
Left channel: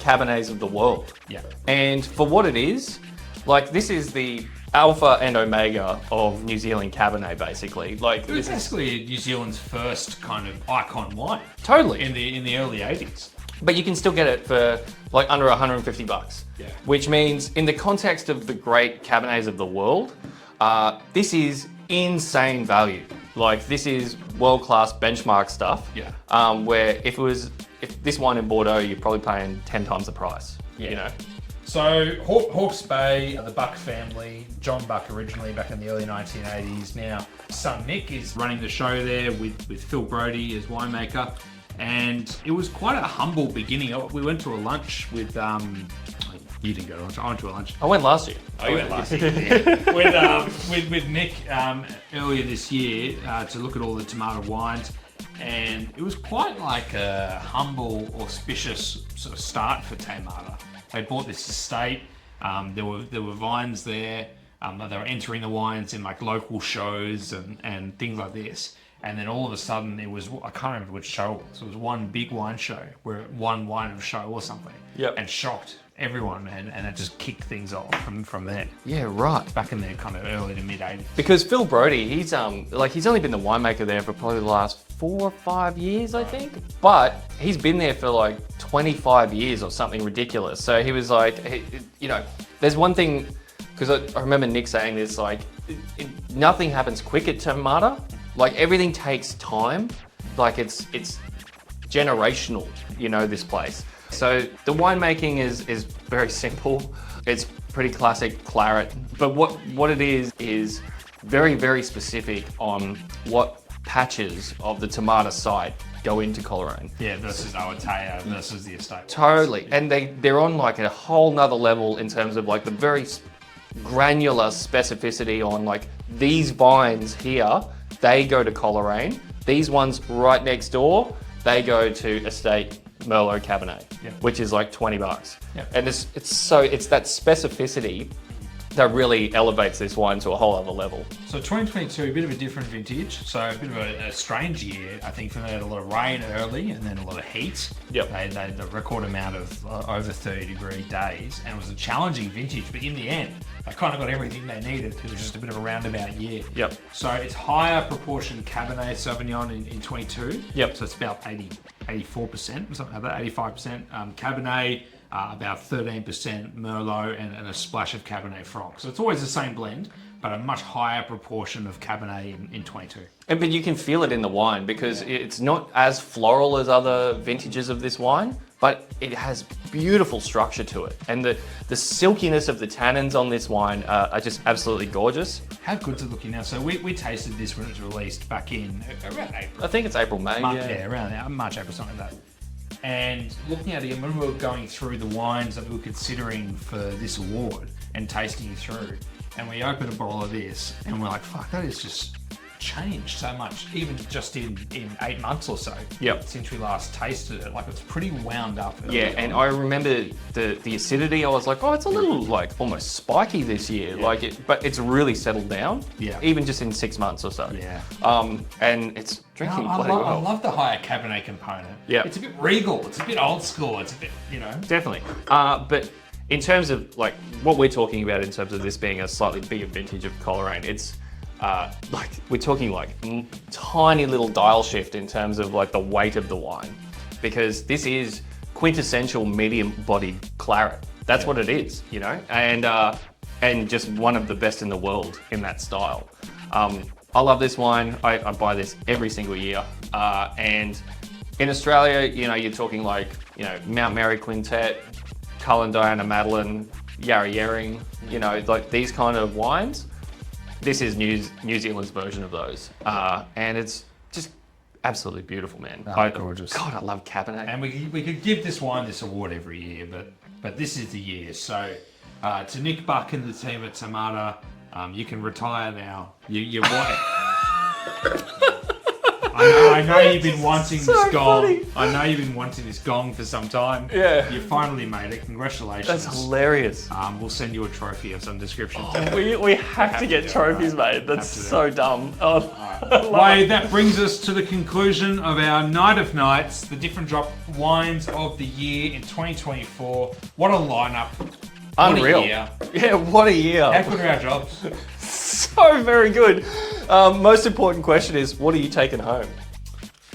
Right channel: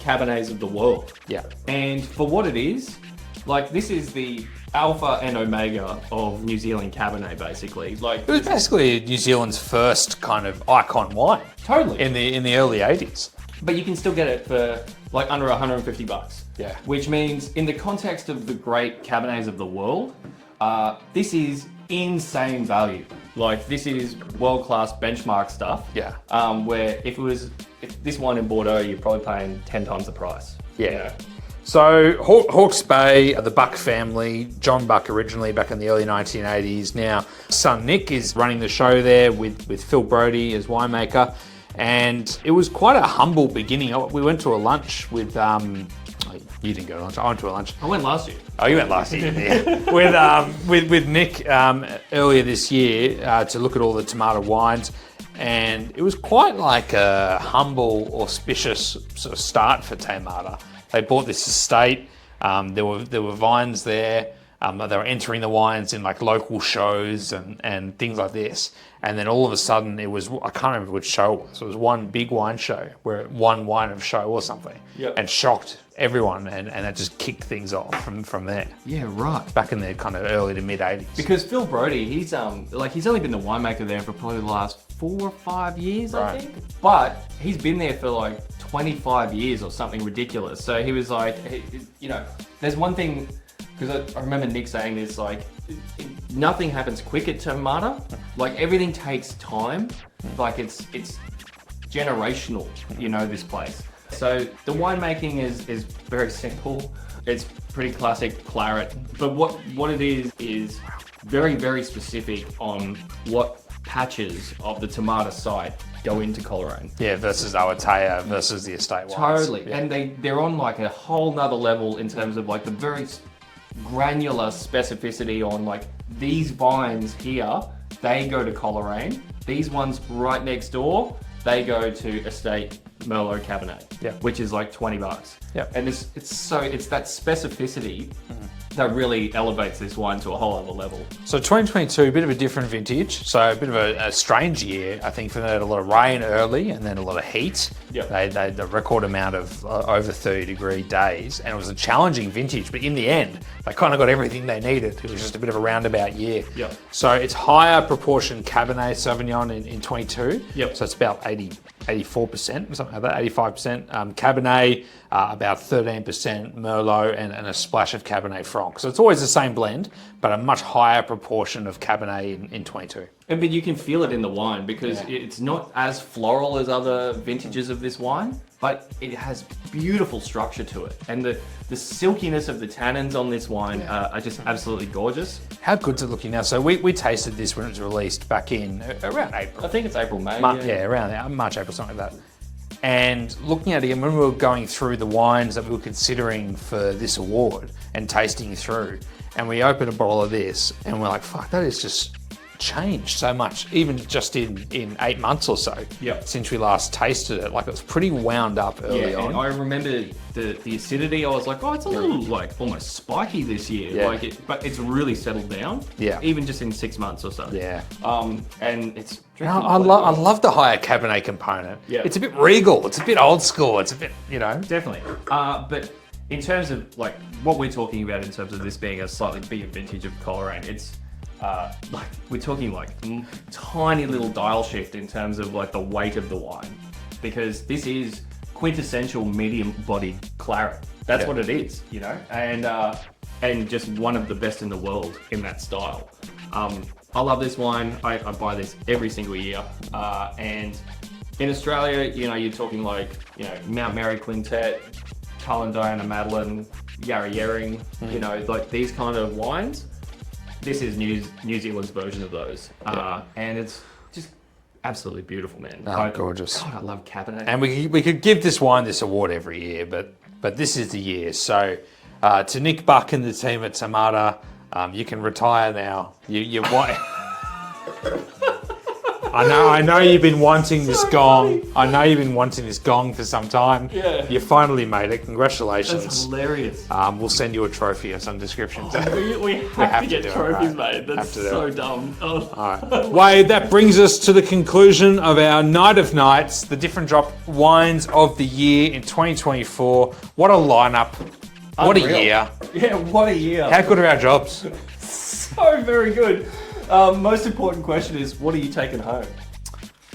Cabernets of the world. Yeah. And for what it is, like this is the alpha and omega of New Zealand Cabernet, basically. Like It was basically New Zealand's first kind of icon wine. Totally. In the early 80s. But you can still get it for like under $150. Yeah. Which means in the context of the great Cabernets of the world, this is insane value. Like this is world-class benchmark stuff. Yeah. Where if this wine in Bordeaux, you're probably paying 10 times the price. Yeah. You know? So Hawke's Bay, the Buck family, John Buck originally back in the early 1980s. Now son Nick is running the show there with Phil Brodie as winemaker. And it was quite a humble beginning. We went to a lunch with, you didn't go to lunch, I went to a lunch. I went last year. Oh, you went last year, yeah. with Nick earlier this year to look at all the tomato wines. And it was quite like a humble, auspicious sort of start for Taimata. They bought this estate. There were vines there. They were entering the wines in like local shows and things like this. And then all of a sudden it was, I can't remember which show it was. It was one big wine show where it won wine of show or something. Yep. And shocked everyone, and that just kicked things off from there. Yeah, right. Back in the kind of early to mid 80s. Because Phil Brodie, he's only been the winemaker there for probably the last 4 or 5 years, I think. But he's been there for like 25 years or something ridiculous. So he was like, you know, there's one thing, because I remember Nick saying this, like, nothing happens quick at Taimata. Like everything takes time. Like it's generational, you know, this place. So the winemaking is very simple. It's pretty classic claret. But what it is very, very specific on what patches of the Taimata site go into Coleraine. Yeah, versus Awatea versus the estate wines. Totally. Yeah. And they're on like a whole nother level in terms of like the very granular specificity on like these vines here, they go to Coleraine. These ones right next door, they go to Estate Merlot Cabernet, Yeah. which is like $20. Yeah. And it's that specificity that really elevates this wine to a whole other level. So 2022, a bit of a different vintage. So a bit of a strange year. I think they had a lot of rain early and then a lot of heat. Yep. They had the record amount of over 30-degree days, and it was a challenging vintage. But in the end, they kind of got everything they needed. It was just a bit of a roundabout year. Yep. So it's higher proportion Cabernet Sauvignon in 22. Yep. So it's about 84%, something like that, 85%. Cabernet, about 13% Merlot, and a splash of Cabernet Franc. So it's always the same blend, but a much higher proportion of Cabernet in 22. But you can feel it in the wine because it's not as floral as other vintages of this wine, but it has beautiful structure to it. And the silkiness of the tannins on this wine are just absolutely gorgeous. How good's it looking now? So we tasted this when it was released back in around April. I think it's April, May. March, yeah, around there, March, April, something like that. And looking at it, when we were going through the wines that we were considering for this award and tasting through, and we opened a bottle of this, and we're like, fuck, that is just changed so much, even just in 8 months or so since we last tasted it. Like, it was pretty wound up early on. And I remember the acidity. I was like, oh, it's a little like almost spiky this year. But it's really settled down. Yeah. Even just in 6 months or so. Yeah. And it's drinking. I love the higher Cabernet component. Yeah. It's a bit regal. It's a bit old school. It's a bit, Definitely. But in terms of like what we're talking about in terms of this being a slightly bigger vintage of Coleraine, it's like we're talking like tiny little dial shift in terms of like the weight of the wine, because this is quintessential medium-bodied claret. That's what it is, and just one of the best in the world in that style. I love this wine. I buy this every single year, and in Australia, you're talking like Mount Mary Quintet, Cullen Diana Madeline, Yarra Yering, like these kind of wines. This is New Zealand's version of those. And it's just absolutely beautiful, man. Gorgeous. God, I love Cabernet. And we could give this wine this award every year, but this is the year. So to Nick Buck and the team at Tamata, you can retire now. You want. I know you've been wanting this gong. I know you've been wanting this gong for some time. Yeah. You finally made it. Congratulations. That's hilarious. We'll send you a trophy of some description. We have to get trophies, mate. That's so dumb. Oh. All right. Wade, that brings us to the conclusion of our Night of Nights, the different drop wines of the year in 2024. What a lineup. Unreal. What a year. Yeah, what a year. How good are our jobs? So very good. Most important question is, what are you taking home?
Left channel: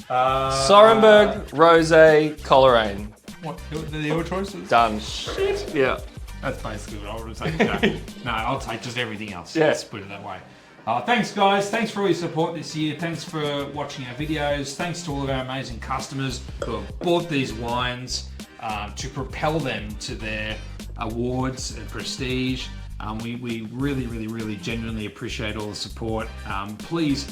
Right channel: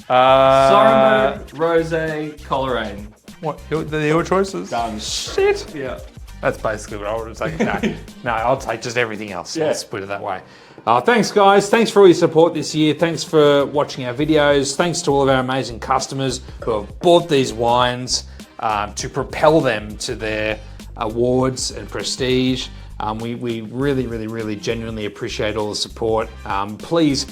Sorenberg, Rosé, Coleraine. What? They're your choices? Done. Shit. Yeah. That's basically what I would say. No, I'll take just everything else. Yeah. Let's put it that way. Thanks, guys. Thanks for all your support this year. Thanks for watching our videos. Thanks to all of our amazing customers who have bought these wines to propel them to their awards and prestige. We really, really, really genuinely appreciate all the support. Please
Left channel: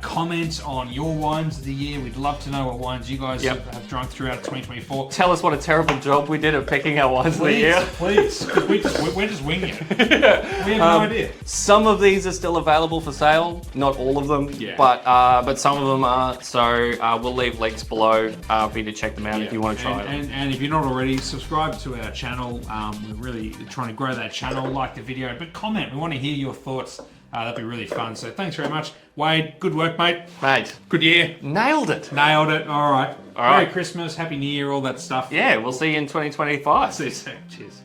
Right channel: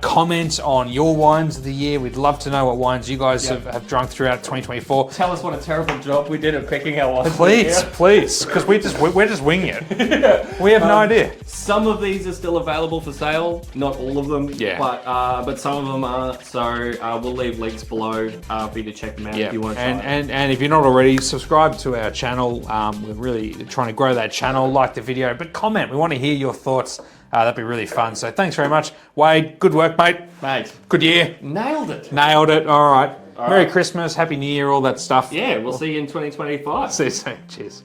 comment on your wines of the year. We'd love to know what wines you guys have drunk throughout 2024. Tell us what a terrible job we did at picking our wines. Please, because we're just winging it. We have no idea. Some of these are still available for sale, not all of them, but some of them are. So we'll leave links below for you to check them out if you want to try them. And if you're not already, subscribe to our channel. We're really trying to grow that channel. Like the video, but comment. We want to hear your thoughts. That'd be really fun. So thanks very much. Wade, good work, mate. Good year. Nailed it. All right. Merry Christmas, Happy New Year, all that stuff. Yeah, we'll see you in 2025. See you soon. Cheers.